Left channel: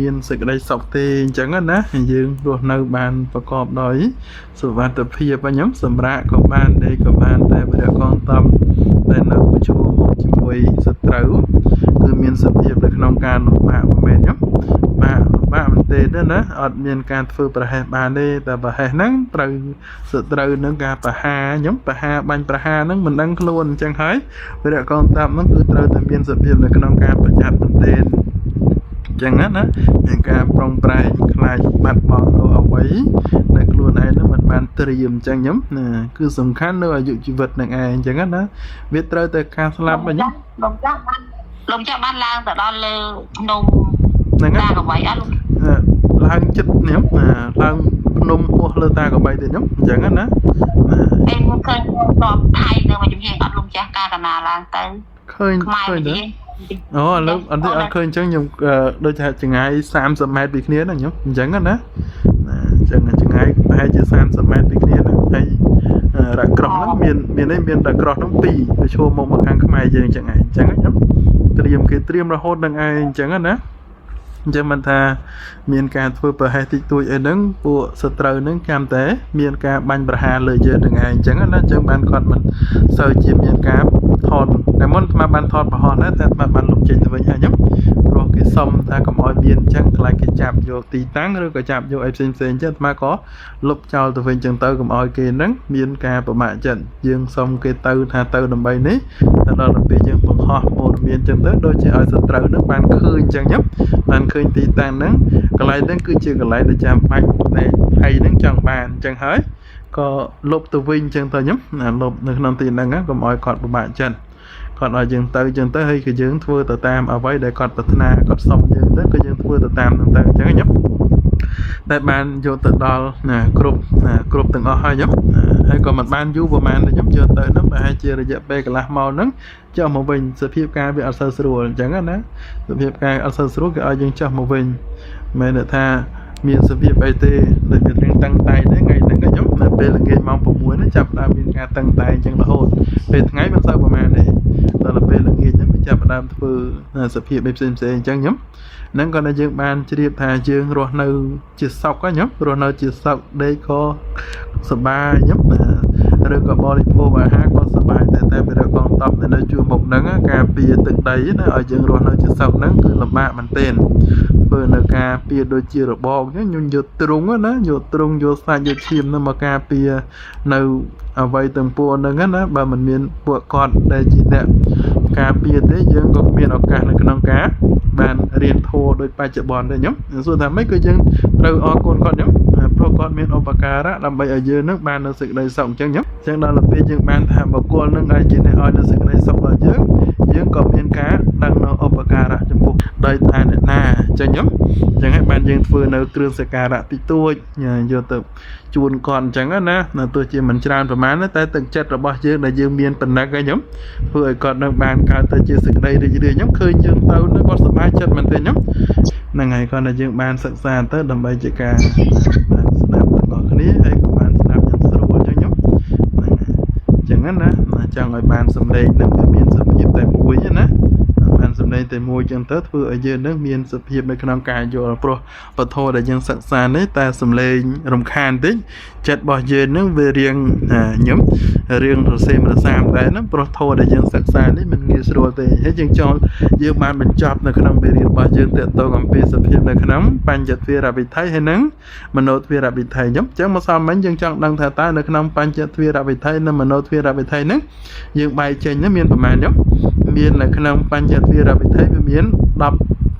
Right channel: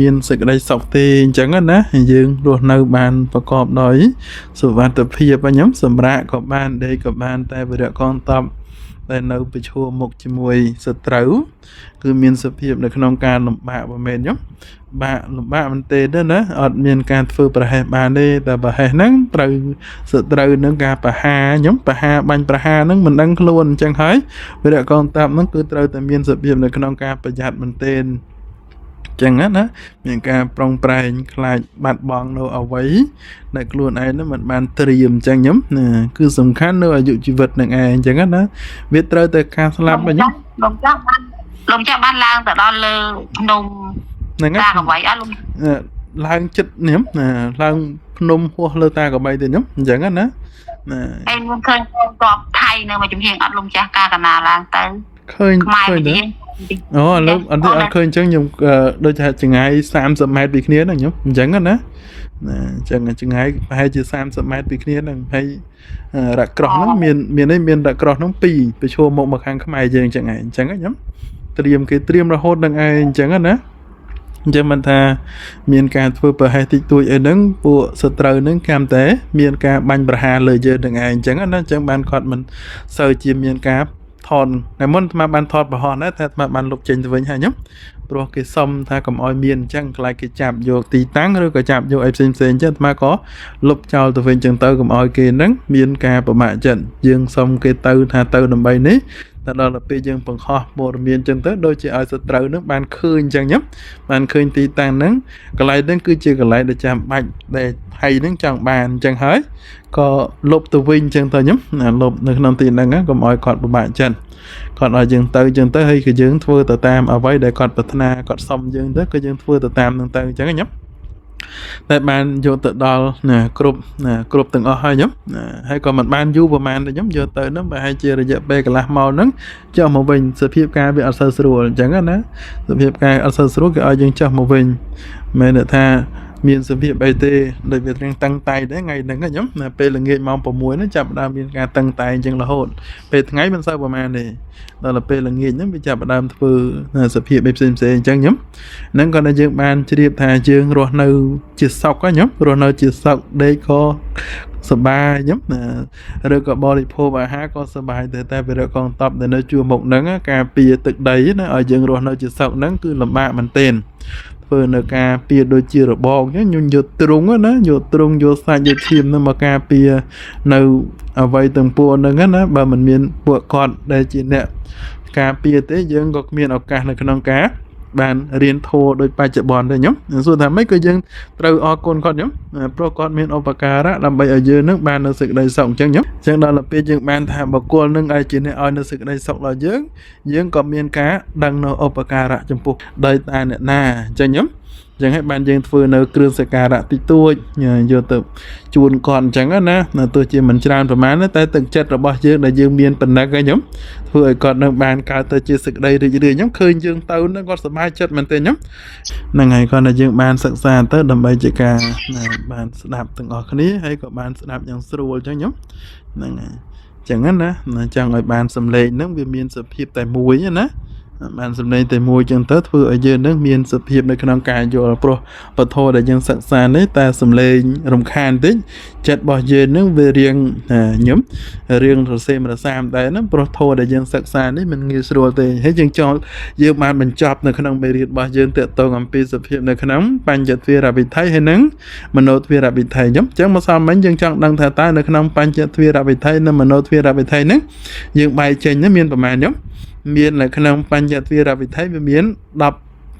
មានសេចក្តីសុខទេអញ្ចឹងណាយើងរស់នៅបានប្រកបដោយសុវត្ថិភាពខ្ញុំសម្រាប់ក៏បានដេកក៏បានតែវិរៈកងតំតែនៅប្រឈមមុខជាមួយសត្រូវគឺមានសភាពនៅក្នុងការលំបាកមិនមែនខ្ញុំលំបាកមែនទេណាអត់មានការធ្វើប្រហែសបានទេតែប្រហែសហ្នឹងត្រូវសត្រូវនឹងការប្រហាខ្ញុំប្រហាបាញ់ប្រហាហ្នឹងមិនដឹងខ្លួនអញ្ចឹងហើយវិរៈកងតំហ្នឹងគឺត្រូវតែមានសភាពនៅក្នុងការប្រយ័ត្នមែនទេចឹងណាមានការប្រុងប្រែងខ្លាចបាត់បង់នៅអ្វីដែលខ្លួនឯងនឹងមិនបានត្រៀមចឹងខ្ញុំណាគឺសំខាន់នៅអាយុជីវិតនឹងឯងចឹងណាវាត្រូវតែការស្លាប់វិញលោកចាស់បានឡើងទៅដល់លើភ្នំហ្នឹងតាកបីអត់ឡើងចិត្តខ្ញុំឡើងភ្នំហោះលើតាកបីទេខ្ញុំអញ្ចឹងណាអេមិនឃើញតបថៃនៅមួយជំហានអត់លោកចាស់ការកណាឡើងទៅឃើញទេអូឥឡូវអត់ឃើញអញ្ចឹងខ្ញុំដូចថាចង្ងាយ30ម៉ែត្រពីគ្នាណាខ្ញុំអញ្ចឹងណាអញ្ចឹងចង្ងាយប្រហែលជា30ម៉ែត្រពីគ្នាហ្នឹងហើយរ៉ាក់ក្រោះហ្នឹងមានរ៉ាក់ក្រោះហ្នឹង2ប្រឈមមកខាងខ្មែរយើងអញ្ចឹងឯងអញ្ចឹងខ្ញុំគេត្រៀមរហូតនឹងឯងអញ្ចឹងណាអញ្ចឹងមិនថាមានការធ្វើប្រហែសតិចតួចអីហ្នឹងពួកសត្រូវហ្នឹងកម្មតែមានការបាញ់ប្រហារលើយើងនឹងឯងអញ្ចឹងណាអញ្ចឹងបានគាត់មិនសូវជាមានការថតតែមុនអាបានថតប្រហោះណាតែអាបានលុបចេញទៅវិញហើយខ្ញុំព្រោះគេសុំថាកុំឲ្យមានអញ្ចឹងខ្លាចគេចាប់យកទីតាំងឬក៏ចាប់យកអីផ្សេងអញ្ចឹងអាក៏លុបចោលទៅវិញអញ្ចឹងទៅកុំឲ្យគេហ្នឹងមានការប្រមាថចិត្តយើងសុំគេទៅថាទៅដើម្បីនេះតែដល់ពេលយើងបង្ហោះព័ត៌មានអញ្ចឹងទៅដូចជាឲ្យសត្រូវហ្នឹងបានឃើញអញ្ចឹងខ្ញុំបានឃើញទីតាំងហ្នឹងកន្លែងហ្នឹងគឺជាកន្លែងដែលចាំបាច់ដែលថៃហ្នឹងចង់បានអញ្ចឹងហើយក៏លុបទៅវិញអញ្ចឹងទៅខ្ញុំលុបនៅក្នុងទីហ្នឹងកុំឲ្យគាត់ពិបាកចិត្តគាត់ឲ្យយើងទៅអញ្ចឹងទៅហើយក៏យើងធ្វើទៅតាមអ្វីដែលគាត់ប្រាថ្នាគាត់សុំយើងទៅក៏យើងធ្វើទៅតាមហ្នឹងទៅអញ្ចឹងខ្ញុំតែបានយកទៅដល់គ្រប់ទាំងអស់ហើយខ្ញុំហើយក៏មិនបានយូរប្រហែលទេខ្ញុំយកទៅហ្នឹងប្រហែលជារយៈពេលកន្លះម៉ោងហ្នឹងចុះមកវិញសភាពការវាអត់សូវស្រួលអញ្ចឹងណាសភាពការអត់សូវស្រួលគេឲ្យយើងចុះមកវិញមិនមែនថាមានសភាពអីទេដូចវារៀងតឹងតែងទេថ្ងៃហ្នឹងខ្ញុំនៅពេលល្ងាចម៉ោង6ហ្នឹងចាប់ផ្ដើមមានការតឹងតែងអញ្ចឹងរហូតពេលថ្ងៃមិនសូវប្រហែលទេដល់ពេលល្ងាចហ្នឹងវាចាប់ផ្ដើមធ្វើសភាពអីផ្សេងអញ្ចឹងខ្ញុំហ្នឹងក៏យើងបានជ្រាបថាយើងរស់នៅជាសុខខ្ញុំរស់នៅជាសុខដេកក៏សប្បាយខ្ញុំឬក៏បរិភោគអាហារក៏សប្បាយតែវិរៈកងតបនៅជួរមុខហ្នឹងការពារទឹកដីណាឲ្យយើងរស់នៅជាសុខហ្នឹងគឺលំបាកមែនទែនធ្វើនៅការពារដូចជារបបខ្ញុំយកទ្រុងណាយកទ្រុងយកសាច់យកឈាមហ្នឹងមកការពារនៅអ្វីទាំងពួងហ្នឹងណាបើមិនមានពួកគាត់ដែលជាអ្នកការពារទេយើងក៏មានឱកាសនៅក្នុងការបានរៀនធម៌ដោយបច្ចុប្បន្នទេខ្ញុំសួរថាម៉េចក៏យើងត្រូវអរគុណគាត់ខ្ញុំព្រោះគាត់មានឧបការៈដើម្បីឲ្យយើងនឹងបាននៅសេចក្តីសុខអញ្ចឹងខ្ញុំអញ្ចឹងដល់ពេលយើងបានថាបុគ្គលនឹងឲ្យជាអ្នកឲ្យនៅសេចក្តីសុខដល់យើងក៏មានការដឹងនៅឧបការៈចំពោះដោយតាអ្នកណាអញ្ចឹងខ្ញុំអញ្ចឹងហើយបានយើងធ្វើនៅគ្រឿងសក្ការៈតិចតួចយកទៅជួនគាត់អញ្ចឹងណាទោះជាមិនច្រើនប្រហែលតែទឹកចិត្តរបស់យើងដែលយើងមានប៉ុណ្ណឹងខ្ញុំធ្វើឲ្យគាត់នឹងបានកើតទៅជាសេចក្តីរីករាយខ្ញុំឃើញយើងទៅនឹងគាត់សប្បាយចិត្តមែនទេខ្ញុំហ្នឹងហើយគាត់តែយើងបានសិក្សាទៅដើម្បីជាការបានស្ដាប់ទាំងអស់គ្នាហើយក៏បានស្ដាប់យ៉ាងស្រួលអញ្ចឹងខ្ញុំហ្នឹងអញ្ចឹងណាចង់ឲ្យបានសម្លេងនឹងវាមានសភាពតែមួយណាបានសម្លេងតែមួយចឹងទៅធ្វើឲ្យយើងនឹងមានសភាពនៅក្នុងការយល់ព្រោះពធដែលយើងសិក្សានេះតែសម្លេងរំខានតិចចិត្តរបស់យើងនឹងវារៀងខ្ញុំរឿងរសេមរសាមដែរណាព្រោះធម៌ដែលយើងសិក្សានេះมันងាយស្រួលទេហើយយើងបានបញ្ចប់នៅក្នុងមេរៀនរបស់យើងទាក់ទងអំពីសភាពនៅក្នុងបញ្ចទ្វារវិថីហើយនឹងមโนទ្វារវិថីអញ្ចឹងមកសំមិញយើងចង់ដឹងថាតើនៅក្នុងបញ្ចទ្វារវិថីនិងមโนទ្វារវិថីហ្នឹងយើងបែកចេញមានប្រមាណខ្ញុំមាននៅក្នុងបញ្ចទ្វារវិថីវាមាន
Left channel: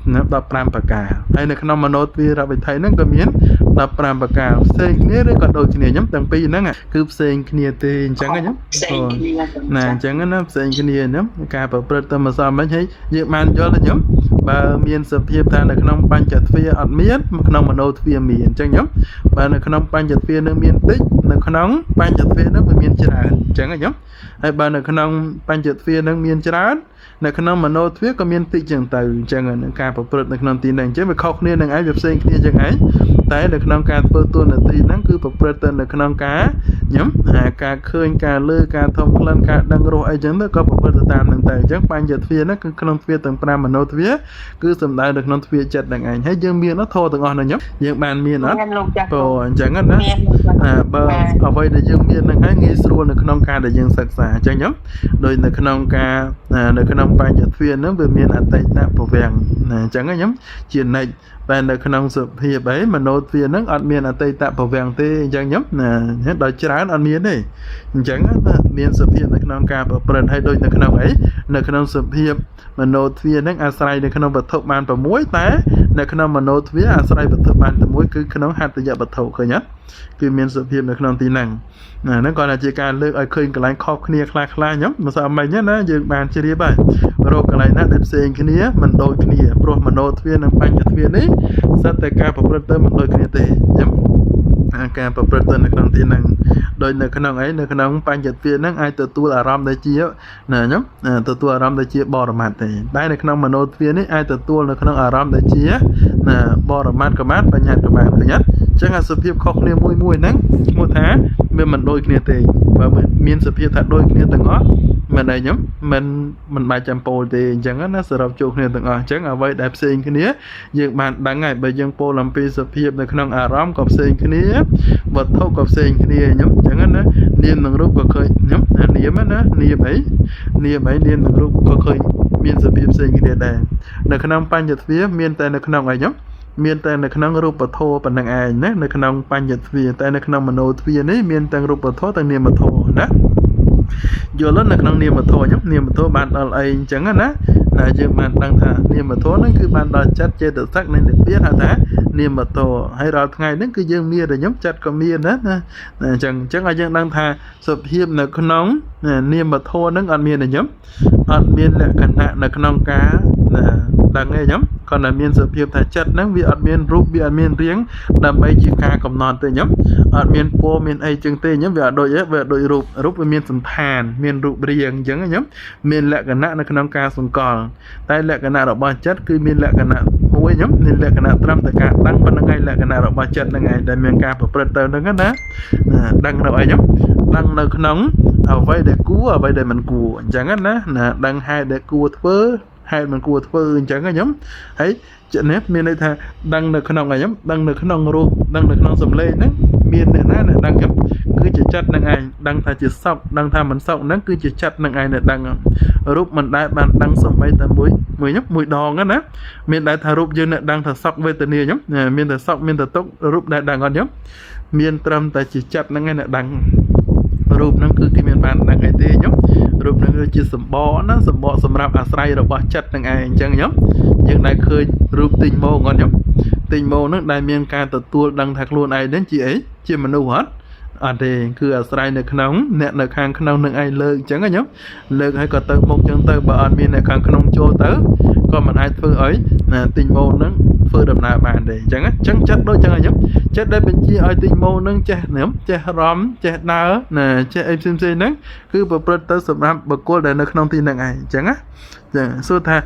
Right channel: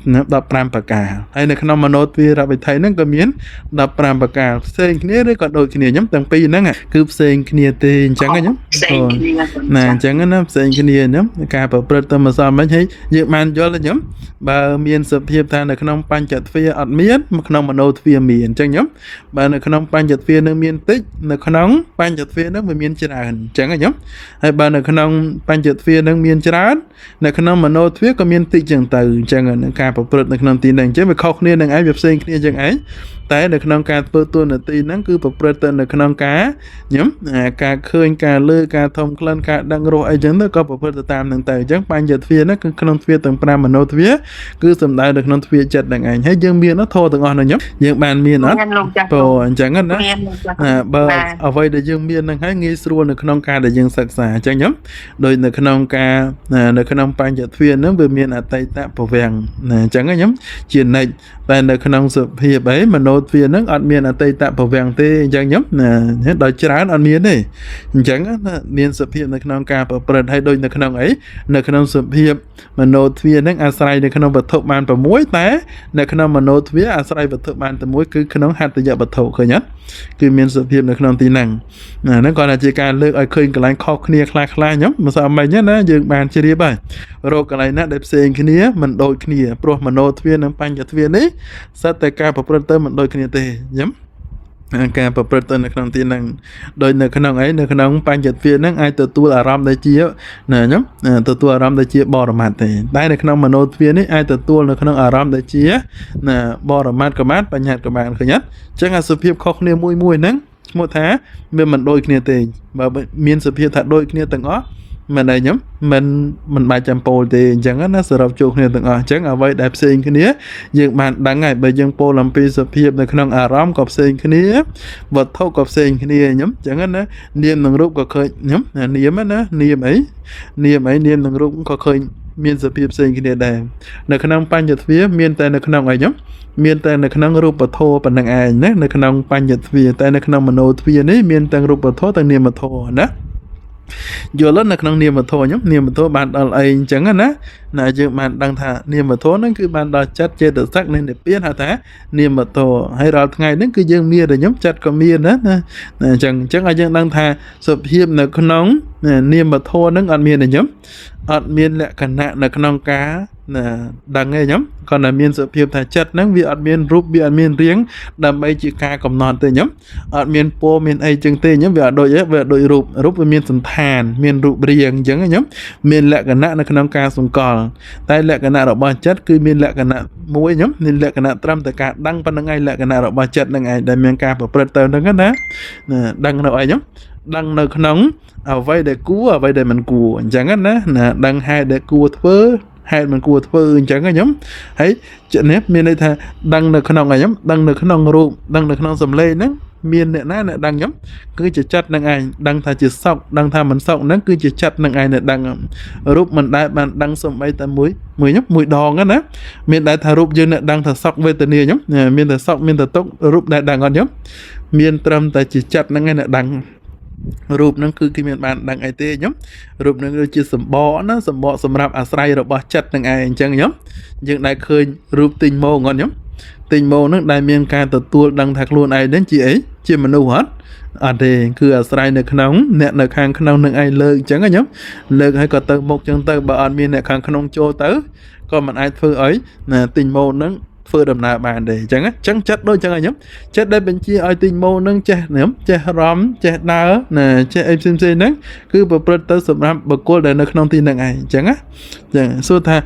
15ប្រការហើយនៅក្នុងមโนទ្វារវិថីហ្នឹងក៏មាន15ប្រការផ្សេងគ្នាឬក៏ដូចគ្នាខ្ញុំទាំងពីរហ្នឹងគឺផ្សេងគ្នាទេអញ្ចឹងខ្ញុំណាអញ្ចឹងណាផ្សេងគ្នាខ្ញុំការប្រព្រឹត្តទៅមកសំមិញហើយយើងបានយល់ទេខ្ញុំបើមានសភាពថានៅក្នុងបញ្ចទ្វារអត់មានក្នុងមโนទ្វារមានអញ្ចឹងខ្ញុំបើនៅក្នុងបញ្ចទ្វារនឹងមានតិចនៅក្នុងបញ្ចទ្វារនឹងវាមានច្រើនអញ្ចឹងខ្ញុំហើយបើនៅក្នុងបញ្ចទ្វារនឹងមានច្រើននៅក្នុងមโนទ្វារក៏មានតិចចឹងទៅអញ្ចឹងការប្រព្រឹត្តនៅក្នុងទីនេះអញ្ចឹងវាខុសគ្នានឹងឯងវាផ្សេងគ្នាចឹងឯង តែនៅក្នុងការធ្វើតួនាទីហ្នឹងគឺប្រព្រឹត្តទៅនៅក្នុងការញ៉ឹមការឃើញការលើការធំក្លិនការដឹងរសអីចឹងទៅក៏ប្រព្រឹត្តទៅតាមហ្នឹងទៅអញ្ចឹងបញ្ញទ្វាហ្នឹងគឺក្នុងទ្វាទាំង5មโนទ្វាគឺសំដៅនៅក្នុងទ្វាចិត្តហ្នឹងឯងហើយយើងមានធម៌ទាំងអស់ហ្នឹងញ៉ឹមយើងបានមានអត់ព្រោះអញ្ចឹងណាបើអ្វីដែលយើងមានហ្នឹងហើយងាយស្រួលនៅក្នុងការដែលយើងសិក្សាអញ្ចឹងញ៉ឹមដោយនៅក្នុងការនៅក្នុងបញ្ញទ្វាហ្នឹងវាមានអតីតភវាំងអញ្ចឹងញ៉ឹមជានិច្ចតែនៅក្នុងសភាពអីមโนទ្វាហ្នឹងអត់មានអតីតភវាំងទេអញ្ចឹងញ៉ឹមដល់ច្រើនអត់មានទេអញ្ចឹងមានសភាពនៅក្នុងការប្រព្រឹត្តហើយដូចនៅក្នុងអីនៅក្នុងសភាពមโนទ្វាហ្នឹងអាស្រ័យនៅក្នុងវត្ថុបាន6តែនៅក្នុងមโนទ្វាអាស្រ័យវត្ថុបានតែមួយគឺក្នុងហត្ថយវត្ថុឃើញអត់គឺមានសភាពនៅក្នុងទីហ្នឹងហ្នឹងគាត់ថាជាការលើកឲ្យឃើញកន្លែងខុសគ្នាខ្លះៗញ៉ឹមមិនស្អីមិញណាយើងបានជ្រាបហើយរកកន្លែងណាដែលផ្សេងគ្នាមិនដូចគ្នាព្រោះមโนទ្វានិងបញ្ញទ្វានេះសិតតែការប្រព្រឹត្តទៅមិនដូចគ្នាទេញ៉ឹមការប្រព្រឹត្តទៅនៅក្នុងទីហ្នឹងដោយនៅក្នុងអីនៅក្នុងបញ្ញទ្វាហ្នឹងអាចទទួលអារម្មណ៍ដែលជាណាញ៉ឹមទទួលអារម្មណ៍ដែលជាបរមត្តទេតែនៅក្នុងមโนទ្វានេះអាចទទួលនៅក្នុងអារម្មណ៍ដែលជាណាបរមត្តកមាតបញ្ញត្តិកមាតឃើញអត់អញ្ចឹងអាសភាពខុសគ្នាមួយហ្នឹងឈ្មោះថាវាមិនដូចគ្នាទេបើមានសភាពថាដូចគ្នាទាំងអស់មិនអីញ៉ឹមមិនបាច់ចាំពោលទេអញ្ចឹងណាសរុបចូលគ្នាទាំងអស់អញ្ចឹងអ្វីដែលផ្សេងគ្នាយើងបានដឹងហើយបើយើងពោលអំពីសភាពនៅក្នុងអារម្មណ៍ក៏ផ្សេងគ្នាវត្ថុក៏ផ្សេងគ្នាញ៉ឹមអញ្ចឹងណានាមនិងរូបក៏ឃើញញ៉ឹមនាមណានាមនិងរូបក៏ឃើញមានសភាពផ្សេងគ្នាដែរនៅក្នុងបញ្ញទ្វាមានតែនៅក្នុងអីញ៉ឹមមានតែនៅក្នុងរូបធម៌ប៉ុណ្្នឹងឯងណានៅក្នុងបញ្ញទ្វាតែនៅក្នុងមโนទ្វានេះមានទាំងរូបធម៌ទាំងនាមធម៌ណាយល់នៅក្នុងនាមធម៌ខ្ញុំនាមធម៌បានដល់អីអញ្ចឹងណាយើងបានដឹងថានាមធម៌ហ្នឹងគឺបានដល់ចិត្តចេតសិកនិងនិព្វានហៅថានាមធម៌ហើយរាល់ថ្ងៃហ្នឹងគឺយើងមានតែខ្ញុំចិត្តក៏មានណាអញ្ចឹងឲ្យយើងដឹងថាសុភាពនៅក្នុងនាមធម៌ហ្នឹងអត់មានទេខ្ញុំអត់មានលក្ខណៈនៅក្នុងការដឹងទេខ្ញុំគាត់តែមានសភាពថាចិត្តហ្នឹងវាអត់មានរូបវាអត់មានរាងដើម្បីជាការកំណត់ទេខ្ញុំអត់មានពណ៌មានអីចឹងទេខ្ញុំវាអត់ដូចរូបវាមានសន្តានមានរូបរាងអញ្ចឹងខ្ញុំមានលក្ខណៈនៅក្នុងការសង្កល់តែលក្ខណៈរបស់ចិត្តគឺមានលក្ខណៈមួយខ្ញុំមានលក្ខណៈត្រឹមតែការដឹងប៉ុណ្្នឹងឯងលក្ខណៈរបស់ចិត្តហ្នឹងឯងដែលមានការប្រព្រឹត្តទៅហ្នឹងណាដឹងនៅអីខ្ញុំដឹងនៅក្នុងអ្វីដែលគួរអ្វីដែលមិនគួរអញ្ចឹងណាដឹងហេតុដែលគួរធ្វើហេតុមិនគួរធ្វើអញ្ចឹងខ្ញុំហើយនេះមានន័យថាដឹងនៅក្នុងខ្ញុំដឹងនៅក្នុងរូបដឹងនៅក្នុងសម្លេងហ្នឹងមានអ្នកណាដឹងខ្ញុំគឺជាចិត្តនឹងឯងដឹងថាជាសុខដឹងថាមិនសុខហ្នឹងគឺជាចិត្តនឹងឯងដែលដឹងរូបមិនដែលបានដឹងសំបីតែមួយដងណាមានតែថារូបយើងដឹងថាសុខវេទនាខ្ញុំមានតែសុខមានតែទុក្ខរូបដែលដឹងអត់ខ្ញុំមានត្រឹមតែជាចិត្តហ្នឹងឯងដែលដឹងរូបហ្នឹងគឺគេមានបានដឹងអីទេខ្ញុំរូបហ្នឹងគឺជាសម្បកណាសម្បកសម្រាប់អាស្រ័យរបស់ចិត្តនឹងឯងអញ្ចឹងខ្ញុំយើងដែលឃើញរូបទិញម៉ូងអត់ខ្ញុំទិញម៉ូហ្នឹងដែលមានការទទួលដឹងថាខ្លួនឯងហ្នឹងជាអីជាមនុស្សអត់ទេគឺអាស្រ័យនៅក្នុងអ្នកនៅខាងក្នុងនឹងឯងលើកអញ្ចឹងខ្ញុំលើកហើយក៏ទៅមុខអញ្ចឹងទៅបើអត់មានអ្នកខាងក្នុងចូលទៅក៏មិនអាចធ្វើអីទិញម៉ូហ្នឹងធ្វើដំណើរបានទេអញ្ចឹងចិត្តដូចអញ្ចឹងខ្ញុំចិត្តដែលបញ្ជាឲ្យទិញម៉ូហ្នឹងចេះរំចេះដើរចេះអីផ្សេងៗហ្នឹងគឺប្រព្រឹត្តទៅសម្រាប់បុគ្គលដែលនៅក្នុងទីហ្នឹងឯងអញ្ចឹងចឹងសួរថា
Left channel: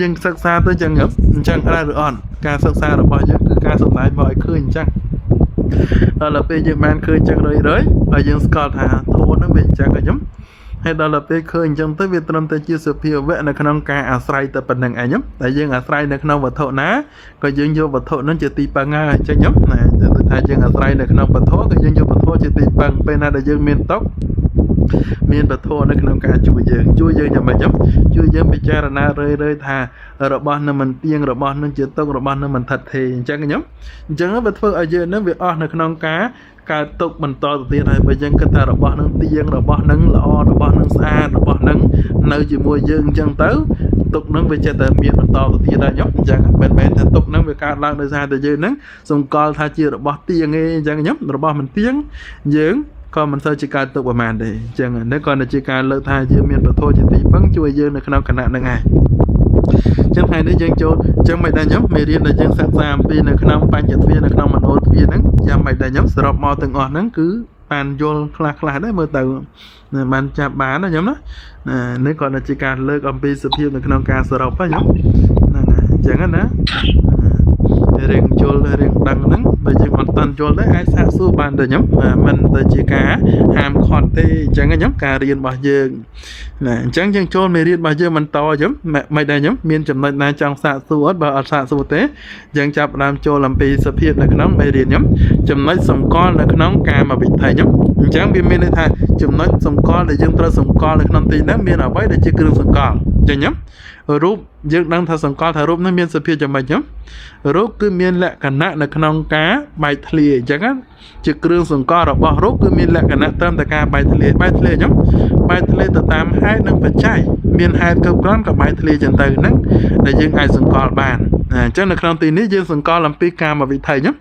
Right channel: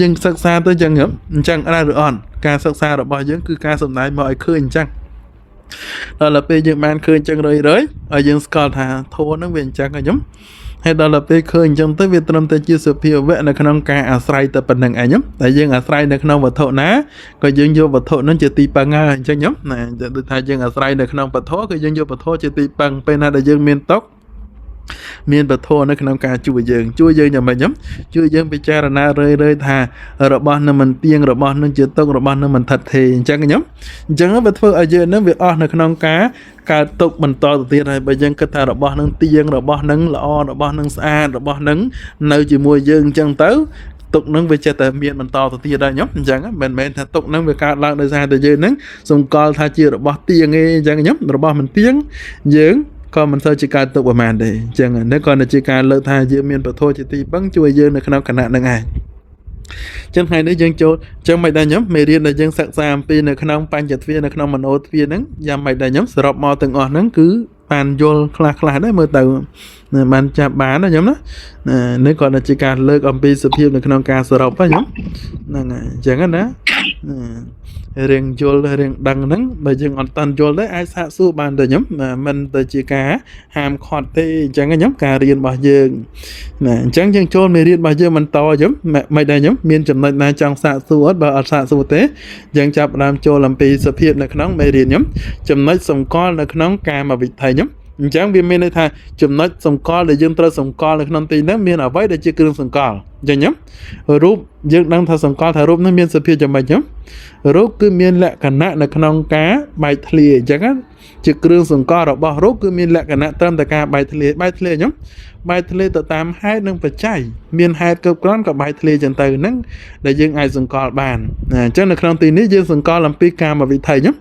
យើងសិក្សាទៅអញ្ចឹងអញ្ចឹងដែរឬអត់ការសិក្សារបស់យើងគឺការសំដែងមកឲ្យឃើញអញ្ចឹងដល់ពេលយើងបានឃើញអញ្ចឹងរឿយហើយយើងស្គាល់ថាធម៌ហ្នឹងវាអញ្ចឹងខ្ញុំហើយដល់ពេលឃើញអញ្ចឹងទៅវាត្រឹមតែជាសភាវៈនៅក្នុងការអាស្រ័យតែប៉ុណ្្នឹងឯងតែយើងអាស្រ័យនៅក្នុងវត្ថុណាក៏យើងយកវត្ថុហ្នឹងជាទីពឹងហើយអញ្ចឹងដូចថាយើងអាស្រ័យនៅក្នុងវត្ថុក៏យើងយកវត្ថុជាទីពឹងពេលណាដែលយើងមានទុក្ខមានវត្ថុនៅក្នុងការជួយយើងយ៉ាងម៉េចជួយយើងពិចារណារឿយថារបស់នឹងមិនទៀងរបស់នឹងជាទុក្ខរបស់នឹងមិនថិតថេរអញ្ចឹងវាធ្វើឲ្យយើងនឹងវាអស់នៅក្នុងការកើតទុកបន្តទៅទៀតហើយបើយើងគិតថារបស់នឹងទៀងរបស់នឹងល្អរបស់នឹងស្អាតរបស់នឹងនៅជាមួយយើងអញ្ចឹងទៅទុកនឹងវាចិត្តតែមានបន្តទៅទៀតហើយអញ្ចឹងមិនមែនថាទុកនឹងវាកើតឡើងដោយសារតែយើងនឹងសង្កល់ថាជារបស់ទៀងទេអញ្ចឹងរបស់មិនទៀងយើងក៏មិនសូវជាកើតទុកប្រហែលទេអញ្ចឹងនេះក៏ជាការលើកថាយើងមានពធជាទីពឹងជួយយើងនៅក្នុងគណៈនឹងឯងចឹងថ្ងៃនេះយើងចូលចឹងមិនដែរខ្ញុំមេរៀនដែលយើងសិក្សាអំពីនៅក្នុងបញ្ញទ្វានៅក្នុងមโนទ្វាហ្នឹងយ៉ាងមិនដែរខ្ញុំសរុបមកទាំងអស់ហ្នឹងគឺបានយល់ខ្លះដែរមើលទៅបានចាប់បានណាខ្ញុំណានេះក៏ជាការលើកអំពីសភាពនៅក្នុងការសរុបហ្នឹងខ្ញុំហ្នឹងហើយចឹងណា រៀងយល់រៀងដឹងហ្នឹងបើយើងអត់តាន់យល់ទេអាចសាកសួរបានទៅខ្ញុំមិនទៅជាការហាមឃាត់ទេអញ្ចឹងខ្ញុំការរៀនរបស់យើងណាអញ្ចឹងយើងចូលមេរៀនរបស់យើងបន្តខ្ញុំមិនដែរខ្ញុំមានចំណុចណាចង់សាកសួរអត់បើអត់សាកសួរទេយើងចាប់ផ្ដើមចូលអំពីសភាពនៅក្នុងមេរៀនខ្ញុំចំណុចសម្គាល់នៅក្នុងកាមវិថីខ្ញុំអញ្ចឹងវាមានន័យថាចំណុចសម្គាល់ដែលយើងត្រូវសម្គាល់នៅក្នុងទីហ្នឹងមានអ្វីដែលជាគ្រឿងសម្គាល់អញ្ចឹងខ្ញុំរូបយើងដឹងថាសម្គាល់ថារូបហ្នឹងមានសភាពយ៉ាងម៉េចខ្ញុំរូបគឺមានលក្ខណៈនៅក្នុងការបែកធ្លាយអញ្ចឹងជាគ្រឿងសង្កល់របស់រូបគឺមានលក្ខណៈត្រឹមតែការបែកធ្លាយខ្ញុំបែកធ្លាយទៅតាមហេតុនិងបច្ច័យមានហេតុគ្រប់គ្រាន់ក៏បែកធ្លាយចឹងទៅហ្នឹងដែលយើងអាចសង្កល់បានអញ្ចឹងនៅក្នុងទីនេះយើងសង្កល់អំពីកាមវិថីខ្ញុំ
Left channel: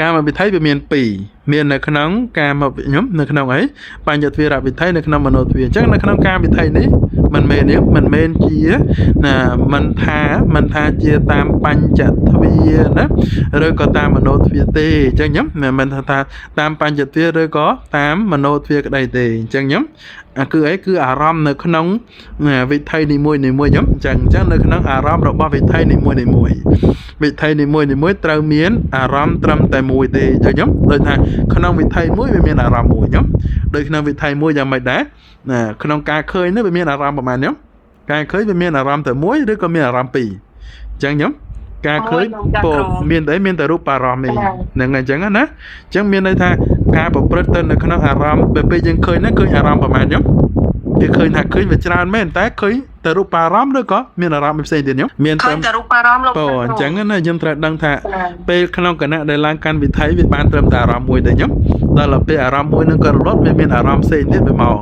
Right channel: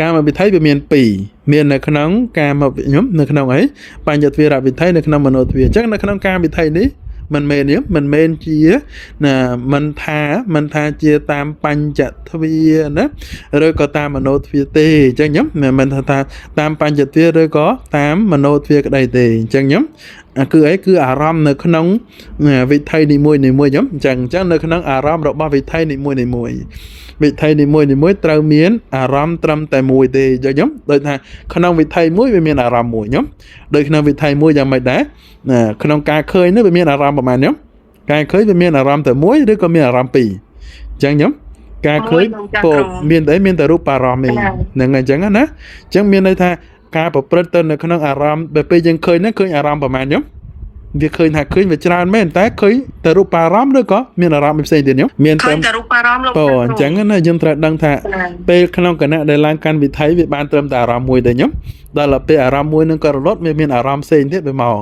កាមវិថីវាមាន2មាននៅក្នុងកាមខ្ញុំនៅក្នុងអីបញ្ញទ្វារវិថីនៅក្នុងមโนទ្វារអញ្ចឹងនៅក្នុងកាមវិថីនេះមិនមែនជាណាមិនថាជាតាមបញ្ចទ្វារណាឬក៏តាមមโนទ្វារទេអញ្ចឹងខ្ញុំមិនថាតាមបញ្ចទ្វារឬក៏តាមមโนទ្វារក្តីទេអញ្ចឹងខ្ញុំគឺអីគឺអារម្មណ៍នៅក្នុងវិថីនីមួយខ្ញុំអញ្ចឹងនៅក្នុងអារម្មណ៍របស់វិថីនីមួយវិថីនីមួយត្រូវមានអារម្មណ៍ត្រឹមតែមួយទេអញ្ចឹងខ្ញុំដូចថាក្នុងវិថីមួយវាមានអារម្មណ៍មួយខ្ញុំដូចក្នុងវិថីមួយយ៉ាងម៉េចដែរក្នុងការឃើញនេះវាមានអារម្មណ៍ប្រហែលខ្ញុំការឃើញវាមានអារម្មណ៍តែមួយឬក៏មានអារម្មណ៍ពីរអញ្ចឹងខ្ញុំការឃើញពោមានតែរូបអារម្មណ៍នេះហ្នឹងអញ្ចឹងណាអញ្ចឹងមានន័យថាការប្រព្រឹត្តទៅនៅក្នុងអារម្មណ៍ពេលយើងឃើញហ្នឹងឃើញអារម្មណ៍ប្រហែលខ្ញុំវាឃើញថាឃើញវាច្រើនមែនតែឃើញតែរូបអារម្មណ៍ឬក៏មានអារម្មណ៍ផ្សេងទៀតខ្ញុំមានតែរូបអារម្មណ៍លោកអញ្ចឹងណាយើងត្រូវដឹងថាពេលក្នុងគណៈដែលឡើងកាន់វិថីវាបានត្រឹមតែអារម្មណ៍មួយទេខ្ញុំដល់ពេលអារម្មណ៍មួយនឹងក៏រលត់វាមានអារម្មណ៍ផ្សេងទៀតវាមក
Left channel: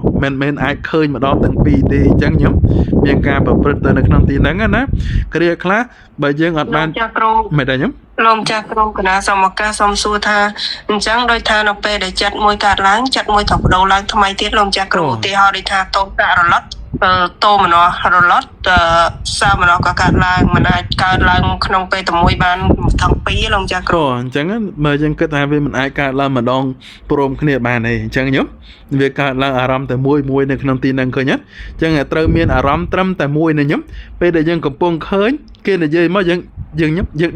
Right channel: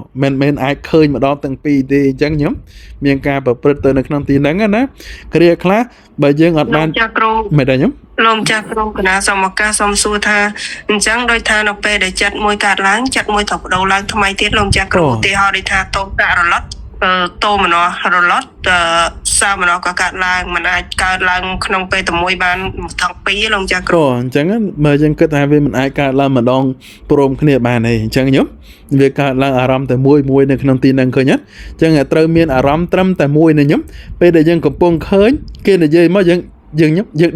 មិនអាចឃើញម្ដងទាំងពីរទេអញ្ចឹងខ្ញុំមានការប្រព្រឹត្តទៅនៅក្នុងទីហ្នឹងណាគ្រាខ្លះបើយើងអត់បានចាគ្រូមិនដែរខ្ញុំលោកម្ចាស់គ្រូកណាសូមឱកាសសូមសួរថាអញ្ចឹងដោយថានៅពេលដែលចិត្តមួយកើតឡើងចិត្តមួយត្រូវបដូរឡើងថ្មីទៀតលោកម្ចាស់គ្រូឧទាហរណ៍ដូចថាតោករលត់តោមណោះរលត់សាមណោះក៏កើតឡើងមិនអាចកើតឡើងក្នុងពេលតែមួយបានទាំងពីរលោកម្ចាស់គ្រូអញ្ចឹងបើយើងគិតថាវាមិនអាចកើតឡើងម្ដងព្រមគ្នាបានទេអញ្ចឹងខ្ញុំវាកើតឡើងអារម្មណ៍តែមួយនៅក្នុងទីហ្នឹងឃើញទេអញ្ចឹងត្រូវមានអារម្មណ៍ត្រឹមតែមួយនេះខ្ញុំពេលដែលយើងកំពុងឃើញគេនិយាយមកយើង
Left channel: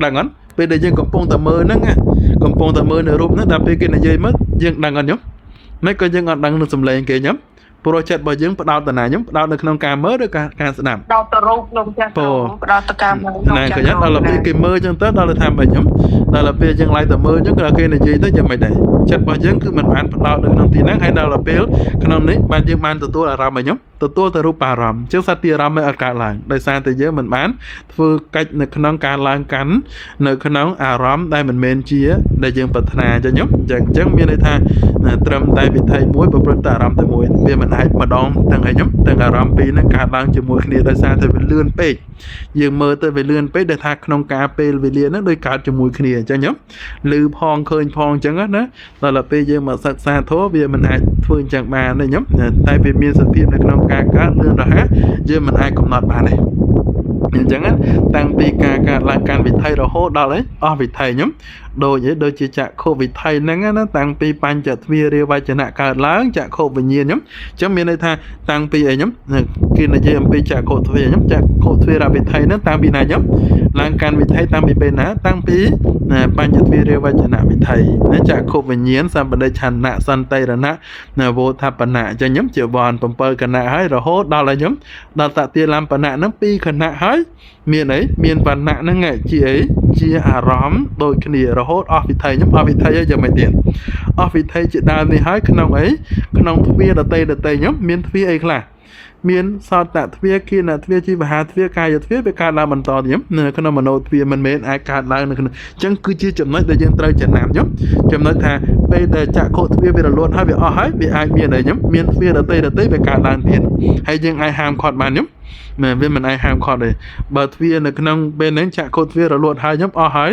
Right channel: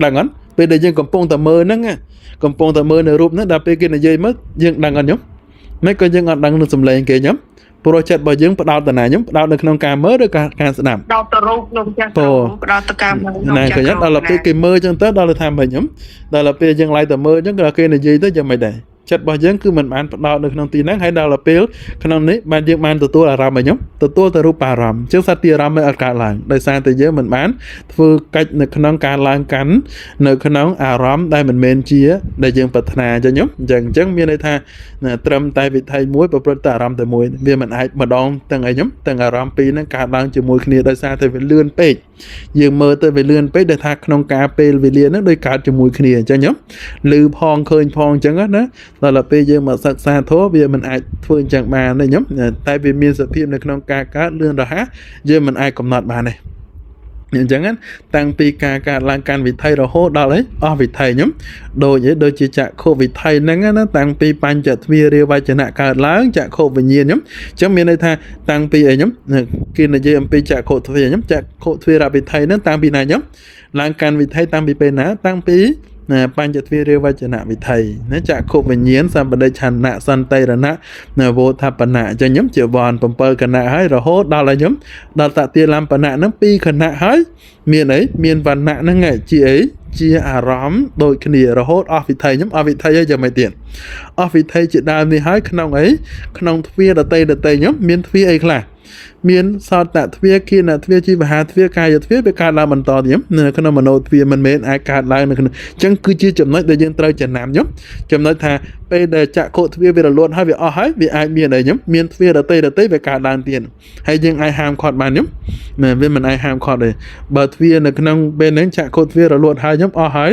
ដឹងអត់ពេលដែលយើងកំពុងតែមើលហ្នឹងកំពុងតែមើលនៅរូបហ្នឹងដល់ពេលគេនិយាយមកយើងដឹងអត់ខ្ញុំមិនក៏យើងអត់ដឹងនឹងសំឡេងគេខ្ញុំព្រោះចិត្តរបស់យើងផ្ដោតទៅណាខ្ញុំផ្ដោតនៅក្នុងការមើលឬការស្ដាប់ផ្ដោតទៅរូបលោកចាស់ផ្ដោតទៅការមើលណាក៏ខ្ញុំដល់ពេលគេមើលអញ្ចឹងទៅដល់ថាមិនខ្ញុំដល់ពេលយើងឡាយទៅមើលអញ្ចឹងក៏គេនិយាយទៅយ៉ាងម៉េចដែរចិត្តរបស់យើងគឺមិនបានផ្ដោតនៅក្នុងទីហ្នឹងហើយដល់ពេលក្នុងនេះបានយើងបានទទួលអារម្មណ៍ខ្ញុំទទួលទៅរូបអារម្មណ៍អញ្ចឹងសត្វទីអារម្មណ៍មិនអត់កើតឡើងដោយសារតែយើងមិនបានធ្វើកិច្ចនៅក្នុងការឡើងកាន់នៅក្នុងអារម្មណ៍ដែលមិនមែនជាដែលយើងប្រាថ្នាអញ្ចឹងខ្ញុំអញ្ចឹងមានន័យថាត្រឹមតែវិថីមួយប្រព្រឹត្តតែអារម្មណ៍តែមួយវាមិនអាចម្ដងទាំងអីខ្ញុំទាំងអារម្មណ៍ពីរហ្នឹងកើតឡើងជាមួយគ្នាដោយសារតែវាលឿនពេកយើងមើលទៅវាលឿនពេកដែលថាក្នុងការពេលវេលាហ្នឹងដូចកើតជាមួយគ្នាអញ្ចឹងខ្ញុំឮផងឃើញផងអញ្ចឹងណាដល់ពេលយើងមកសិក្សាធម៌វាមិនអាចធ្វើអញ្ចឹងបានទេខ្ញុំតែវាមានសភាពនៅក្នុងការកើតលឿនរហ័សយើងមិនអាចកំណត់បានទេអញ្ចឹងតាំងពីការកើតឡើងកាន់វិថីរហូតដល់អស់វិថីខ្ញុំដូចជាចក្ខុវិថីហ្នឹងណាតាំងពីបញ្ចទ្វារាវចនៈកើតឡើងចក្ខុវិញ្ញាណខ្ញុំអញ្ចឹងមានន័យថាតាំងពីអីខ្ញុំគេនិយាយអំពីចក្ខុទ្វាខ្ញុំចក្ខុទ្វារវិថីហ្នឹងតាំងពីណាខ្ញុំឡើងកាន់វិថីតាំងពីពេលណាតាំងពីបញ្ចទ្វារាវចនៈវិថីណាចក្ខុវិញ្ញាណសម្បដិឆន្ទៈសន្តិរណៈវោធបណៈអញ្ចឹងខ្ញុំជាវណ្ណ7គណៈហើយរហូតដល់ឲ្យខ្ញុំដល់តតិលំបណៈហ្នឹង2គណៈហើយមានអីមានវណ្ណៈហ្នឹងជាអីជាអារម្មណ៍ដូចគ្នារហូតអស់វិថីខ្ញុំអស់វិថីហើយយ៉ាងម៉េចទៀតអស់វិថីជាដើមនេះហើយក្នុងអីក្នុងទ្វារដតីខ្ញុំមានទ្វារអីខ្លះមានសតទ្វារគិណទ្វារជីវហាទ្វារកាយទ្វារវាកើតឡើងបន្តទៀតនៅក្នុងមโนទ្វារមិនមែនអាចកើតឡើងនៅក្នុងអញ្ចឹងគឺជាចំណុចដែលយើងត្រូវចំណាំខ្ញុំចំណុចថាពេលដែលចក្ខុទ្វារវារលត់ហើយវាអស់ហើយវាអាចមានអីខ្ញុំមានទ្វារដតីវាកើតឡើងទៀតហើយយើងអាចហាមឃាត់បានខ្ញុំវាមិនអាចហាមឃាត់ទេបើទ្វារនៅក្នុងពេលហ្នឹងចក្ខុទ្វាររលត់ហើយខ្ញុំអស់ហើយ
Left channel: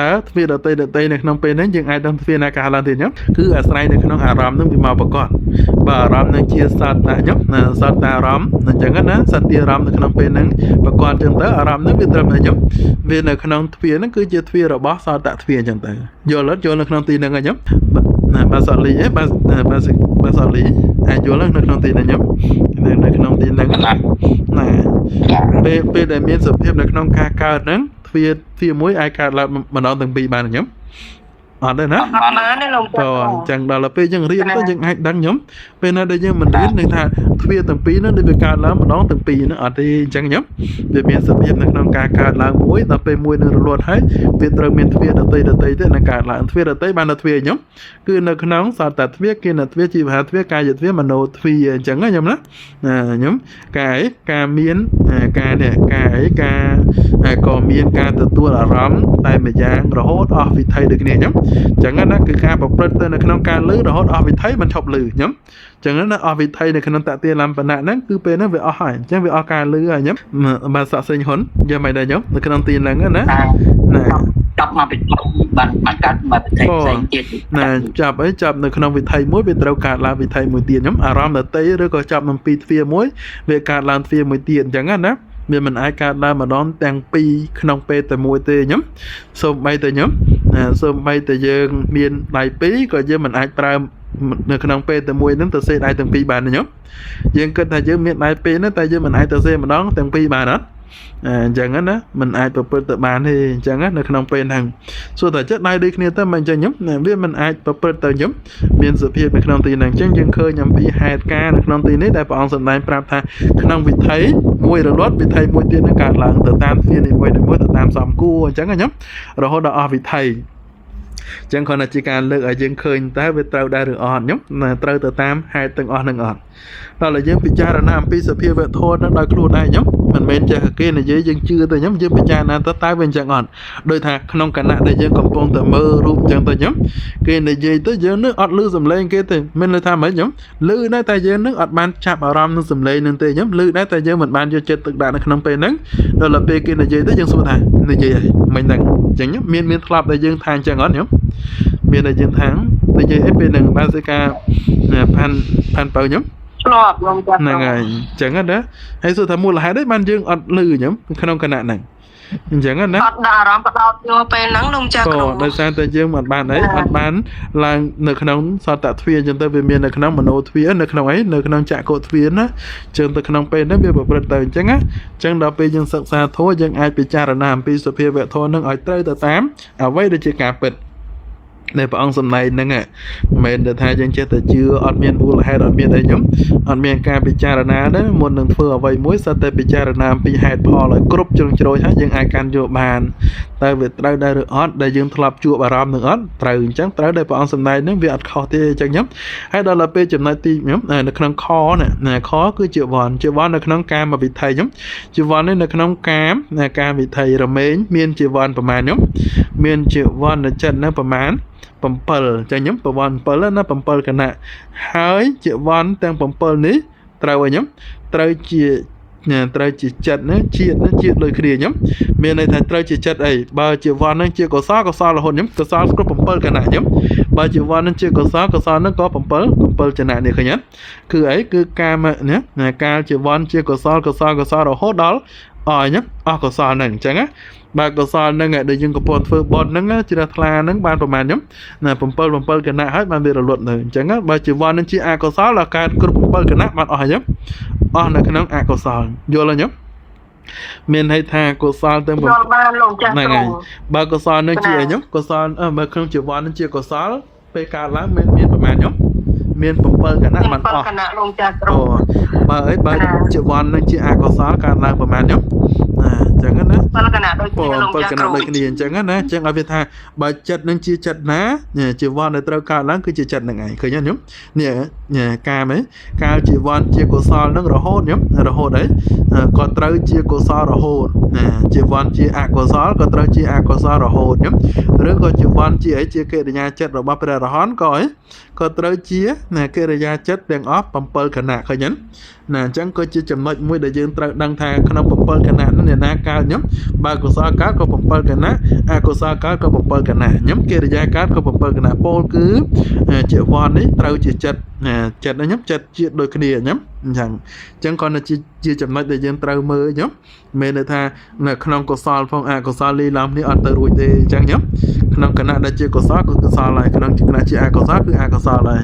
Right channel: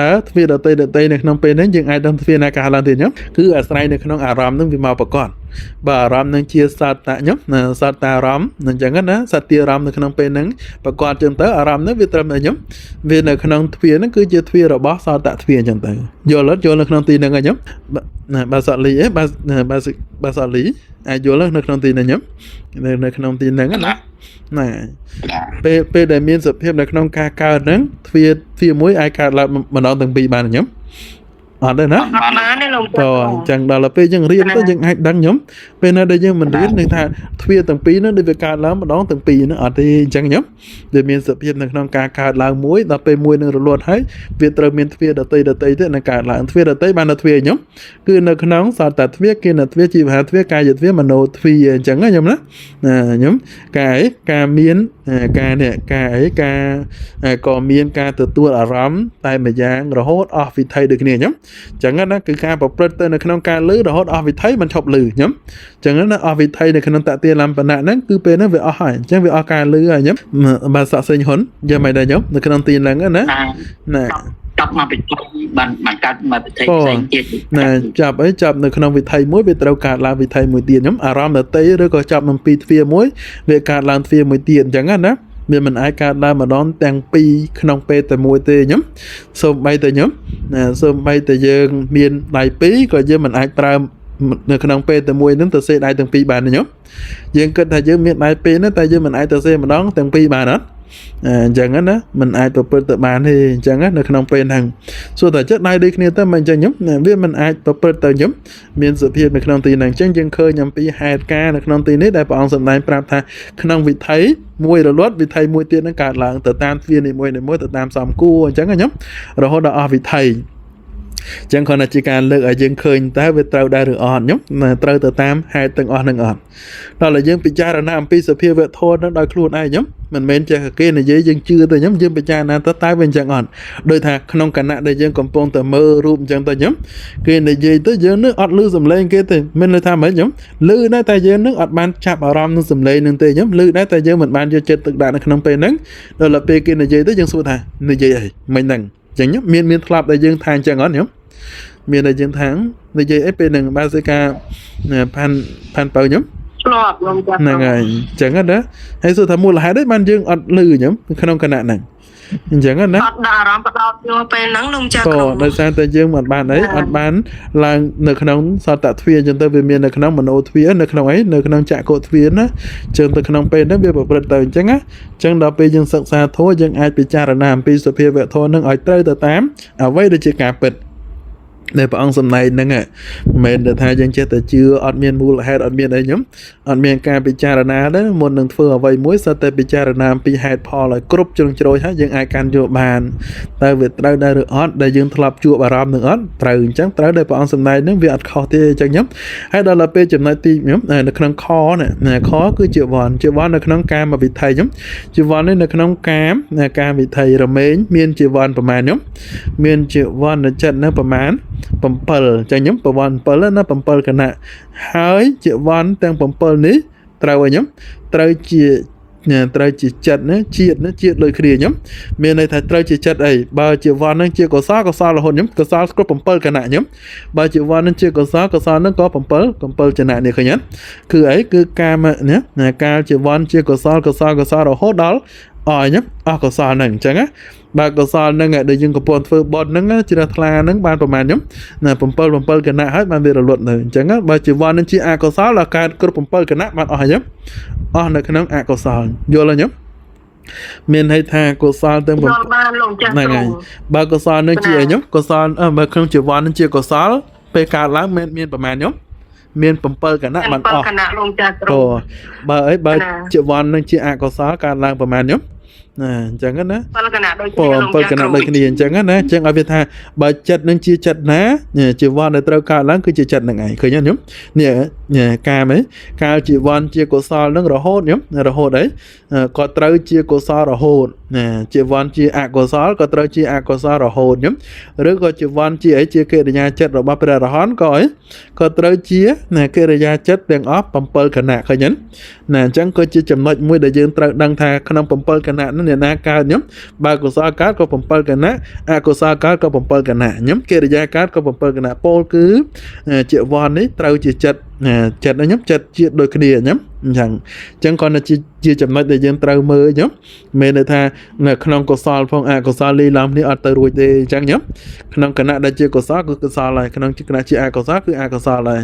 តើទ្វារដតីនៅក្នុងពេលហ្នឹងយើងអាចដឹងទ្វារណាកើតឡើងទៀតខ្ញុំគឺអាស្រ័យនៅក្នុងអារម្មណ៍ហ្នឹងវាមកប្រកបបើអារម្មណ៍ហ្នឹងជាសតៈខ្ញុំសតអារម្មណ៍អញ្ចឹងណាសតិអារម្មណ៍នៅក្នុងពេលហ្នឹងប្រកបចឹងទៅអារម្មណ៍ហ្នឹងវាត្រឹមតែខ្ញុំវានៅក្នុងទ្វារហ្នឹងគឺជាទ្វាររបស់សតៈទ្វារអញ្ចឹងទៅយល់នៅក្នុងទីហ្នឹងខ្ញុំបាទសតលីបាទសតលីអាចយល់នៅក្នុងទីហ្នឹងខ្ញុំ នៅក្នុងទីហ្នឹងណាពេលដែលមានសភាពនៅក្នុងការកើតហ្នឹងទ្វាមួយអាចកើតឡើងម្ដងទាំងពីរបានខ្ញុំ អត់ទេណា បានទេលោក តអញ្ចឹងដល់ទៅពេលយើងរៀនទៅយើងអាចដឹងខ្ញុំពេលណាដែលយើងមិនរៀននឹងថាទ្វាទាំងពីរនោះដូចវាកើតឡើងម្ដងទាំងពីរនោះអត់ទេអញ្ចឹងខ្ញុំវាមានសភាពនៅក្នុងការកើតឡើងមួយដល់ពេលមួយនឹងរលត់ហើយវាត្រូវមានទ្វាដតីទៀតនឹងកើតឡើងទ្វាដតីបានទៅទ្វាខ្ញុំគឺនៅក្នុងសតទ្វាគេនៅទ្វាជីវហាទ្វាកាយទ្វាមโนទ្វាអញ្ចឹងណាខ្ញុំណាខ្ញុំការមានការនេះការក៏មានការទទួលអារម្មណ៍តែម្យ៉ាងរហូតអស់វិថីដូចគ្នាខ្ញុំ ចឹងណាគឺការប្រព្រឹត្តទៅនៅក្នុងការលឺរហូតអស់វិថីមិនឈប់លឺខ្ញុំចឹងណាអស់វិថីនៅក្នុងតតិលំបណៈហ្នឹងគឺពេលហ្នឹងវាអស់ហើយអញ្ចឹងវាអស់ការលឺហើយខ្ញុំបាទសក់សេញហ៊ុនយ៉ាងម៉េចដែរខ្ញុំនៅក្នុងទីហ្នឹងណាចាប់មកពីបានកាត់មកវិថីផ្សេងទៀតណាចាប់នៅក្នុងវិថីមួយវាត្រូវកើតឡើងវិថីមួយទៀតខ្ញុំអារម្មណ៍ដតីឬក៏ចាប់អំពីទ្វាមួយវាកើតឡើងទ្វាមួយទៀតអញ្ចឹងណា វាមិនអាចកើតឡើងម្ដងទាំងពីរក្នុងពេលតែមួយទេខ្ញុំសូម្បីតែខ្ញុំសូម្បីតែយើងមានដៃពីរក៏យើងមិនអាចប្រើនៅក្នុងពេលតែមួយហ្នឹងទៅសេដៃទាំងពីរបានទេខ្ញុំយើងគិតថាយើងមានដៃពីរហ្នឹងតែយើងមិនអាចទៅសេម្ដងទាំងពីរបានអត់អញ្ចឹងណាមិនអាចប្រព្រឹត្តទៅបានទេអញ្ចឹងនៅក្នុងពេលហ្នឹងសួរតែចិត្តដៃដូចគ្នាទៅមិនអញ្ចឹងខ្ញុំវាមិនអាចប្រព្រឹត្តទៅខ្ញុំមានសភាពនៅក្នុងទីហ្នឹងអញ្ចឹងយើងឃើញអំពីហេតុការណ៍នៅក្នុងទីនេះដែលព្រះអង្គសម្ដែងប្រាប់ថាក្នុងវិថីមួយរលត់វិថីមួយទៀតហ្នឹងកើតឡើងទៅតាមទ្វានីមួយទៅតាមសំគួរអញ្ចឹងខ្ញុំរហូតដល់អស់វិថី ចឹងគ្រាន់តែជាការលើកឲ្យយើងឃើញតើវាត្រូវដែរឬអត់ខ្ញុំត្រូវទៅតាមហេតុទាំងអស់នឹងអត់ដល់តែយើងពិចារណាអំពីសភាវៈធម៌នឹងដោយខ្លួនឯងខ្ញុំមិនមែនចេះគេនិយាយយើងជឿទៅខ្ញុំយើងពិចារណាទៅតើវាអញ្ចឹងអត់ដោយថាក្នុងគណៈដែលយើងកំពុងតែមើលរូបអញ្ចឹងទៅខ្ញុំគេនិយាយទៅយើងនឹងអត់ឮសំឡេងគេទេមិនន័យថាម៉េចខ្ញុំឮដែរតែយើងនឹងអត់បានចាប់អារម្មណ៍នឹងសំឡេងនឹងទេខ្ញុំឮដែរតែយើងមិនបានយកចិត្តទុកដាក់នៅក្នុងពេលហ្នឹងដល់ពេលគេនិយាយទៅយើងសួរថានិយាយអីមិនហ្នឹងអញ្ចឹងមានធ្លាប់ដែលយើងថាអញ្ចឹងអត់ខ្ញុំ មានតែយើងថានិយាយអីពេលហ្នឹងបានស្ការផាន់បើខ្ញុំឆ្លាប់ហ្នឹងហើយអញ្ចឹងណាហើយសួរថាមូលហេតុអីបានយើងអត់លឺខ្ញុំក្នុងគណៈហ្នឹងអញ្ចឹងណាអត់ដាក់អារម្មណ៍បដោតយកពេលហ្នឹងលោកចាគ្រូដោយសារតែយើងមិនបានអីអត់បានឡើងនៅក្នុងសតទ្វាអញ្ចឹងទៅវាមាននៅក្នុងមโนទ្វានៅក្នុងអីនៅក្នុងចក្រទ្វាណាចឹងទៅក្នុងពេលហ្នឹងវាប្រព្រឹត្តទៅអញ្ចឹងណាអញ្ចឹងដល់ពេលយើងសិក្សាធម៌យើងអាចពិចារណាអំពីសភាវៈធម៌ហ្នឹងឲ្យត្រូវទៅតាមអ្វីដែលជាការពិត ในព្រះអង្គសម្ដែងហ្នឹងមិនមែនថាយើងចេះតែជឿអត់មានមូលហេតុអត់មានអីខ្ញុំអត់មានការពិចារណាទេមុននឹងធ្វើអ្វីមួយសិតតែពិចារណាអំពីហេតុផលឲ្យគ្រប់ជ្រុងជ្រោយហើយយើងអាចកាន់យកបានតែវាត្រូវដែរឬអត់ដែលយើងធ្លាប់ជួបអារម្មណ៍នឹងអត់ត្រូវអញ្ចឹងត្រូវដែលព្រះអង្គសម្ដែងហ្នឹងវាអត់ខុសទេអញ្ចឹងខ្ញុំហើយដល់ពេលចំណុចទីខ្ញុំនៅក្នុងខណាខគឺជាវ័ននៅក្នុងកាមវិថីខ្ញុំជាវ័ននេះនៅក្នុងកាមវិថីរមែងមានជាវ័នប្រមាណខ្ញុំមានជាវ័នចិត្តនៅប្រមាណ 7 ចឹងខ្ញុំប្រវត្តិ7ណា7គណៈហើយជាវ័នទាំង7នេះត្រូវឲ្យខ្ញុំត្រូវជាចិត្តណាជាតិដូចគ្នាខ្ញុំមានន័យថាត្រូវជាចិត្តអីបើជាវ័នហ្នឹងជាកុសលរហូតខ្ញុំកុសលគ្រប់7គណៈខ្ញុំបើជាវ័នហ្នឹងជាកុសលហ្នឹងក៏7ចំណៈនេះឃើញអត់គឺអីគឺកាមណាកាលជាវ័នជាកុសលរហូតដល់អស់ខ្ញុំអស់កុសលហ្នឹងអញ្ចឹងណា បាទកុសលហ្នឹងដែលយើងកំពុងធ្វើបត់ហ្នឹងជ្រះថ្លាហ្នឹងបានប្រហែលខ្ញុំណា7គណៈហើយបានវារលត់នៅអញ្ចឹងបើជីវ័ននឹងជាអកុសលដល់កើតគ្រប់7គណៈបានអស់ហើយអស់នៅក្នុងអកុសលយល់ហើយខ្ញុំមានន័យថាកុសលទាំង7ហ្នឹងហើយបើកុសលនឹងជាអីខ្ញុំកុសលបើក្នុងជីវ័ននឹងជាកុសលពេលកើតឡើងមានប្រហែលខ្ញុំមាន7គណៈបានអស់គណៈលោកចាគ្រូបើអីបើជីវ័ននឹងជាអកុសលកើតឡើងប្រហែលខ្ញុំ អញ្ចឹងណា7គណៈដូចគ្នាអញ្ចឹងណាអញ្ចឹងឲ្យវាថាបើចិត្តនឹងជាចិត្តណាជីវ័នដែលត្រូវកើតឡើងគឺជាចិត្តនឹងឯងឃើញទេខ្ញុំនេះកាមឯងកាលជីវ័នជាកុសលនឹងរហូតខ្ញុំរហូតអីក៏ត្រូវជាកុសលរហូតជីវ័នជាអកុសលក៏ត្រូវជាអកុសលរហូតខ្ញុំឬក៏ជីវ័នជាអីជាកិរិយាចិត្តរបស់ព្រះរហន្តក៏អីក៏ត្រូវជាកិរិយាចិត្តទាំងអស់7គណៈឃើញទេ ណាអញ្ចឹងក៏ជាចំណុចមួយដែលយើងត្រូវដឹងថាក្នុង7គណៈនោះអ្នកណាកើតខ្ញុំបើកុសលកើតក៏7គណៈអកុសលកើតក៏7គណៈខ្ញុំកិរិយាកើតក៏7គណៈពោលគឺជាវ័ននេះត្រូវជាចិត្តចិត្តខ្ញុំចិត្តជាតិដូចគ្នាខ្ញុំអញ្ចឹងគាត់ជាចំណុចដែលយើងត្រូវមើលខ្ញុំមានន័យថានៅក្នុងកុសលផងអកុសលលីឡំនេះអត់ទៅរួចទេអញ្ចឹងខ្ញុំក្នុងគណៈដែលជាកុសលគឺកុសលហើយក្នុងគណៈជាអកុសលគឺអកុសលហើយ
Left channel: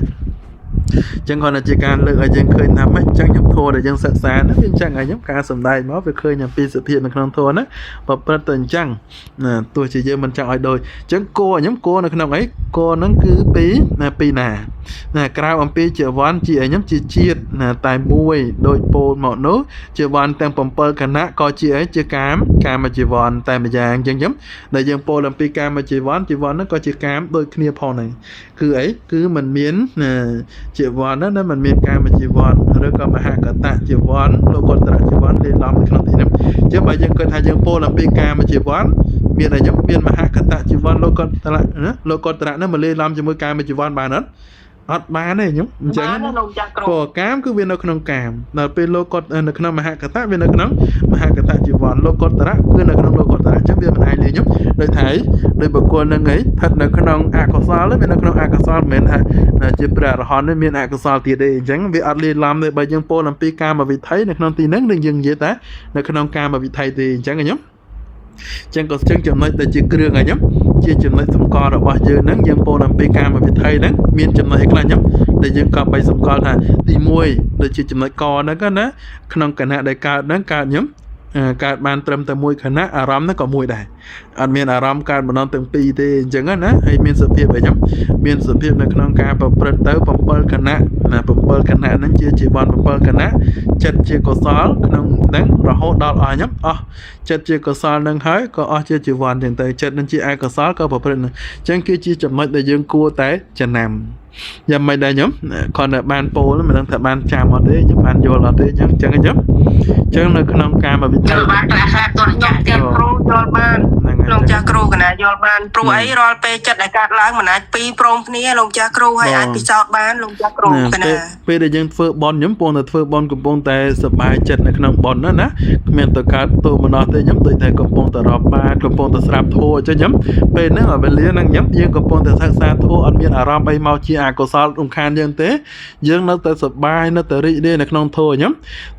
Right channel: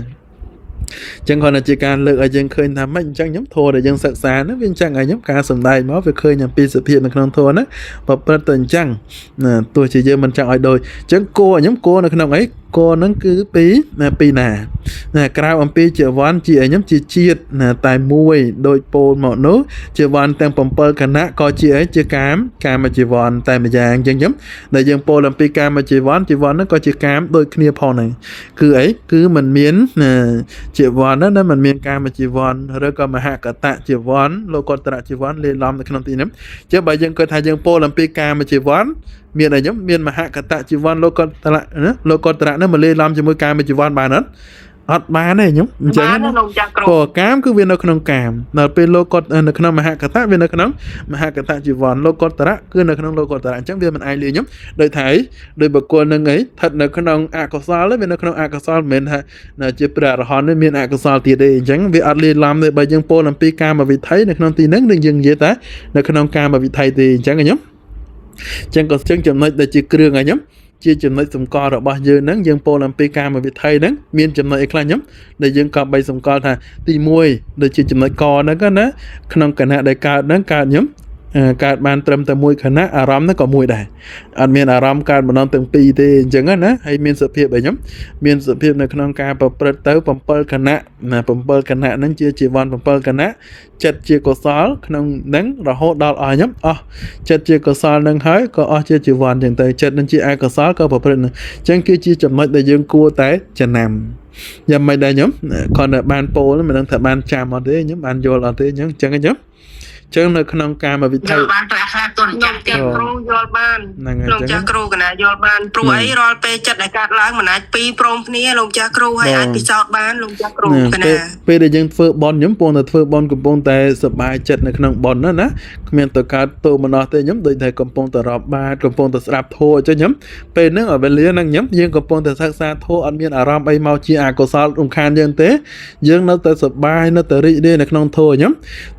ចឹងគាត់ជាការលើកឲ្យយើងឃើញថាមិនចឹងខ្ញុំធម៌ដែលយើងសិក្សាហ្នឹងវាចឹងឲ្យខ្ញុំការសំដែងមកវាឃើញអំពីសភាពនៅក្នុងធម៌ហ្នឹងប្រព្រឹត្តទៅអញ្ចឹងណាទោះជាយើងមិនចង់ឲ្យដូចចឹងគោខ្ញុំគោនៅក្នុងអីគោហ្នឹងគឺពីណាណាក្រៅអំពីជីវ័នជាខ្ញុំជាជាតិណាតែមួយដោយពោលមកនោះជីវ័នទាំង7គណៈក៏ជាអីជាកាមជីវ័នតែម្យ៉ាងចឹងខ្ញុំដែលយើងពោលអំពីកាមជីវ័នហ្នឹងក៏ជាកាមដូចគ្នាផងហ្នឹងគឺអីគឺมันមានជីវ័នណាมันមានកាមជីវ័នឬក៏មហាកតជីវ័នលោកុត្តរជីវ័នលេឡំនៅក្នុងទីនេះចឹងបើយើងគិតថាយើងពោលអំពីកាមជីវ័នមានអីខ្ញុំមានមហាកតជីវ័នលោកុត្តរណាលោកុត្តរហ្នឹងមកលេឡំជាមួយកាមជីវ័នបានអត់បានទេខ្ញុំអញ្ចឹងព្រោះកាមគឺវានៅក្នុងកាមដល់ពេលលោកុត្តនៅក្នុងមហាកតវានៅក្នុងមហាកតជីវ័នលោកុត្តរគឺនៅក្នុងលោកុត្តរអញ្ចឹងវាមិនអាចលាខ្ញុំដូចថាដោយបុគ្គលនឹងឯងស្ថិតនៅក្នុងអកុសលវានៅក្នុងអកុសលមិនមែនថាជាព្រះអរហន្តនេះមានអកុសលទៀតទេអញ្ចឹងវាអត់លាឡំទេបើយើងពោលអំពីកាមវិថីនៅក្នុងទីហ្នឹងនឹងយើងនិយាយថានៅក្នុងកាមវិថីទេអញ្ចឹងខ្ញុំចឹងក៏ចំណុចដែលជាគ្រឿងឲ្យខ្ញុំជាចំណុចសម្គាល់របស់យើងហ្នឹងយើងពោលអំពីកាមវិថីហ្នឹងមានចំណុចអីខ្លះខ្ញុំដែលយើងក៏បីសម្គាល់ថាទី1ដូចជាចំណុចកហ្នឹងណាក្នុងគណៈដែលកើតហ្នឹងកើតខ្ញុំកើតបានត្រឹមតែមួយគណៈអារម្មណ៍ហ្នឹងក៏មួយដែរអត់មានអារម្មណ៍កើតម្ដងទាំងពីរទេអញ្ចឹងណាហើយមានសភាពអីខ្ញុំមានសភាពនៅក្នុងការប្រព្រឹត្តទៅ7គណៈណា7គណៈហ្នឹងជាជីវ័ន7គណៈចិត្តជាកុសលក្នុងហ្នឹងរហូតដល់អស់ខ្ញុំអស់ចិត្តជាកុសលហ្នឹងហើយក៏អស់ជាជីវ័នអញ្ចឹងទៅចិត្តនឹងជាអកុសលក៏ប្រព្រឹត្តអញ្ចឹងគឺជាចំណុចដែលយើងគួរតែចំណាំយ៉ាងម៉េចដែរខ្ញុំគាត់នៅបានពោលមិនដឹងថាបានចាំអត់ទេខ្ញុំបានយល់អត់ទេអញ្ចឹងខ្ញុំអញ្ចឹងនៅក្នុងការមកវិធីបានប្រាសាទទុនចាស់គ្រូយល់បានលោកចាស់គ្រូកណាយល់បានព្រោះអីរាល់ពេលចិត្តដែលកើតឡើងមិនអាចពីរព្រមគ្នាលោកចាស់គ្រូហើយអាចពិសោធន៍បានលោកចាស់គ្រូកណាពេលដែលយើងធ្វើបន់ខ្ញុំពងតែធ្វើបន់កំពុងតែសប្បាយចិត្តនៅក្នុងបន់ណាគ្មានទៅកើតទោមនស្សទេខ្ញុំដូចតែកំពុងតែរាប់បាតកំពុងតែស្ដាប់ធម៌អញ្ចឹងខ្ញុំពេលហ្នឹងវេលាហ្នឹងខ្ញុំយើងកំពុងតែសិក្សាធម៌អត់មានអារម្មណ៍អីមកជាអកុសលរំខានយើងទេយើងនៅតែសប្បាយនៅតែរីករាយនៅក្នុងធម៌ខ្ញុំ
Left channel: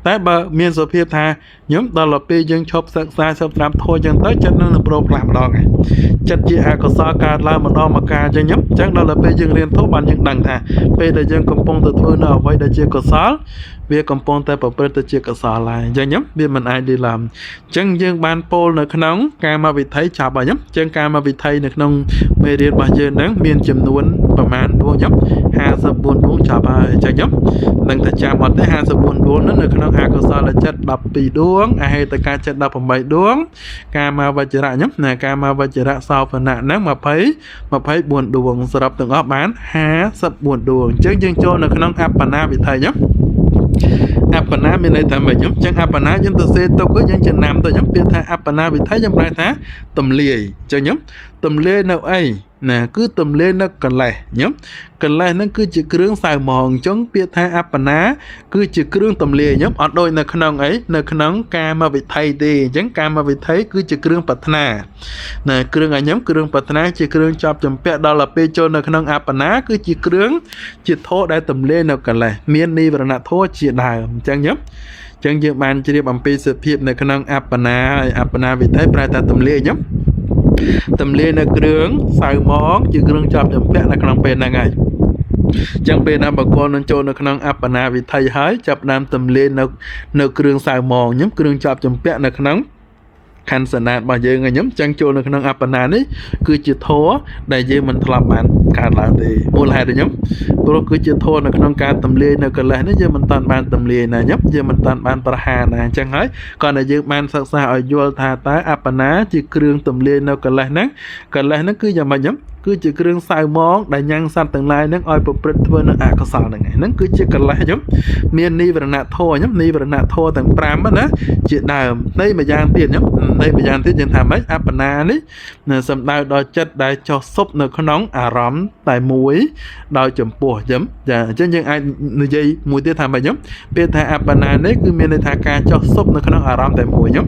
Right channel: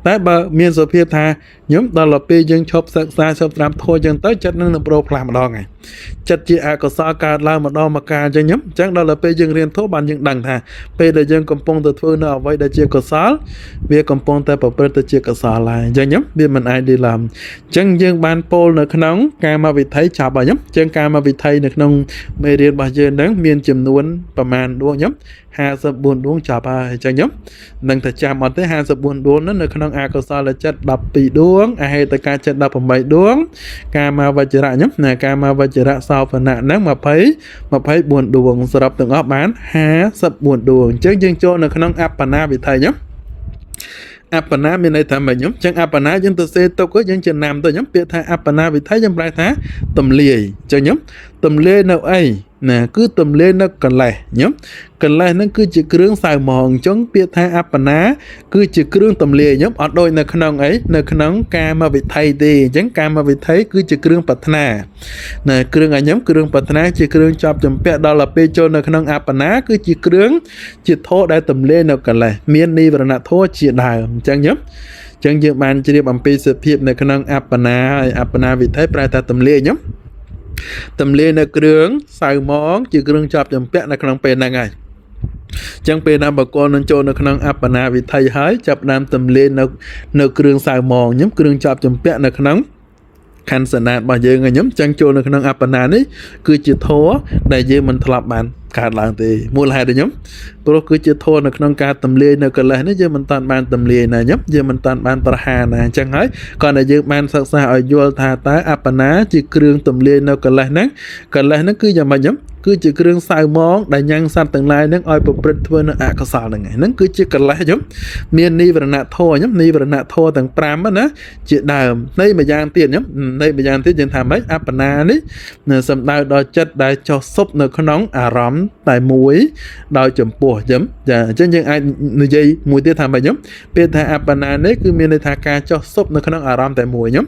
តែបើមានសភាពថាខ្ញុំដល់ពេលយើងឈប់សិក្សាឈប់ស្ដាប់ធម៌អញ្ចឹងទៅចិត្តនឹងប្រោផ្លាស់ម្ដងហើយចិត្តជាអកុសលកើតឡើងម្ដងមកការអញ្ចឹងខ្ញុំអញ្ចឹងដល់ពេលយើងរៀនធម៌បានយើងដឹងថាពេលដែលយើងកំពុងតែធ្វើនៅអ្វីដែលជាកុសលវាកំពុងតែប្រព្រឹត្តទៅជាកុសលហើយអញ្ចឹងខ្ញុំវាមិនអាចលាឡំអញ្ចឹងយើងបានពោលនៅក្នុងកាមវិថីចប់ហើយខ្ញុំអញ្ចឹងកាមវិថីនៅក្នុងមេរៀនរបស់យើងហ្នឹងមានចំនួនប្រមាណដួងខ្ញុំ54ដួងចប់ហើយអញ្ចឹងខ្ញុំនឹងតែចាំអត់ទេ54ដួងហ្នឹងនៅក្នុងអកុសលចិត្ត12ដួងអហេតុកចិត្ត18ដួងកាមវជ្ជរៈខ្ញុំណាកាមវជ្ជរៈសោភណៈហ្នឹង24ដួងសរុបទាំងអស់បាន54ដួងអញ្ចឹងយើងចូលនៅក្នុងអបណាវិថីខ្ញុំអបណាមានន័យថាម៉េចខ្ញុំចឹងអបណាយើងទៅសេទុកយើងចំណាំទៅខ្ញុំពាក្យថាអបណាវិថីខ្ញុំប្រែថាទំលាយចឹងខ្ញុំទំលាយនៅអីណាគឺទំលាយនៅកលេសខ្ញុំកលេសហ្នឹងគឺជាគ្រឿងសៅហ្មងអញ្ចឹងពាក្យថាអបណាគឺជាគ្រឿងទំលាយខ្ញុំអត់ដូចនៅក្នុងអីនៅក្នុងកាមវិថីទេអញ្ចឹងកាមវិថីគឺជាគ្រឿងប្រាថ្នាណាគ្រឿងឲ្យខ្ញុំគ្រឿងប្រាថ្នាជាគ្រឿងជាប់ជំពាក់ដល់ពេលចូលនៅក្នុងអបណាគឺជាគ្រឿងជាធម៌ដែលទំលាយនៅកលេសមាននិវរណធម៌ជាដើមអញ្ចឹងខ្ញុំចឹងយើងបានជ្រាបអំពីសភាពនៅក្នុងអបណាហើយអបណាវិថីប្រែថាទំលាយខ្ញុំទំលាយនៅគ្រឿងសៅហ្មងជាគ្រឿងជាប់ជំពាក់នៅក្នុងពេលហ្នឹងហើយចឹងពេលណាបកលនឹងចូលនៅក្នុងអបណាវិថីហើយចាប់ដើមទំលាយនៅគ្រឿងសៅហ្មងខ្ញុំគ្រឿងជាប់ជំពាក់នៅក្នុងខណ្ឌសណាតរបស់យើងខ្ញុំចឹងចូលនៅក្នុងអបណានេះគឺជាធម៌ដែលយើងមិនធ្លាប់បានកើតឡើងទេមូលហេតុខ្ញុំព្រោះគឺជាធម៌នៅក្នុងការទម្លាយនៅកិលេសនេះយើងមិនតាន់បានទម្លាយណាខ្ញុំយើងមិនតាន់បានប្រហារណាអញ្ចឹងហើយគ្រាន់តែយើងបានសិក្សាឲ្យយល់ថាតើអបណាជាគ្រឿងទម្លាយនៅកិលេសហ្នឹងគឺយ៉ាងម៉េចខ្ញុំគឺជាគ្រឿងសៅហ្មងដែលញ៉ាំងសត្វទាំងឡាយហ្នឹងឲ្យប្រព្រឹត្តធ្វើនៅអកុសលហ្នឹងគឺជាកិលេសខ្ញុំមាននិវរណធម៌ខ្ញុំនិវរណធម៌ទាំង5ណាជាដើមនៃម្យ៉ាងទៀតខ្ញុំនៃម្យ៉ាងទៀតយើងថាម៉េចអបណានេះសំដៅដល់ចិត្តដែលចុះស៊ុបនៅក្នុងអារម្មណ៍តែមួយដោយចំពោះខ្ញុំចាអញ្ចឹងយើងអាចនិយាយមួយទៀតថាម៉េចខ្ញុំពេលថាអបណានេះគឺមានន័យថាការចុះស៊ុបនៅក្នុងអារម្មណ៍តែមួយខ្ញុំ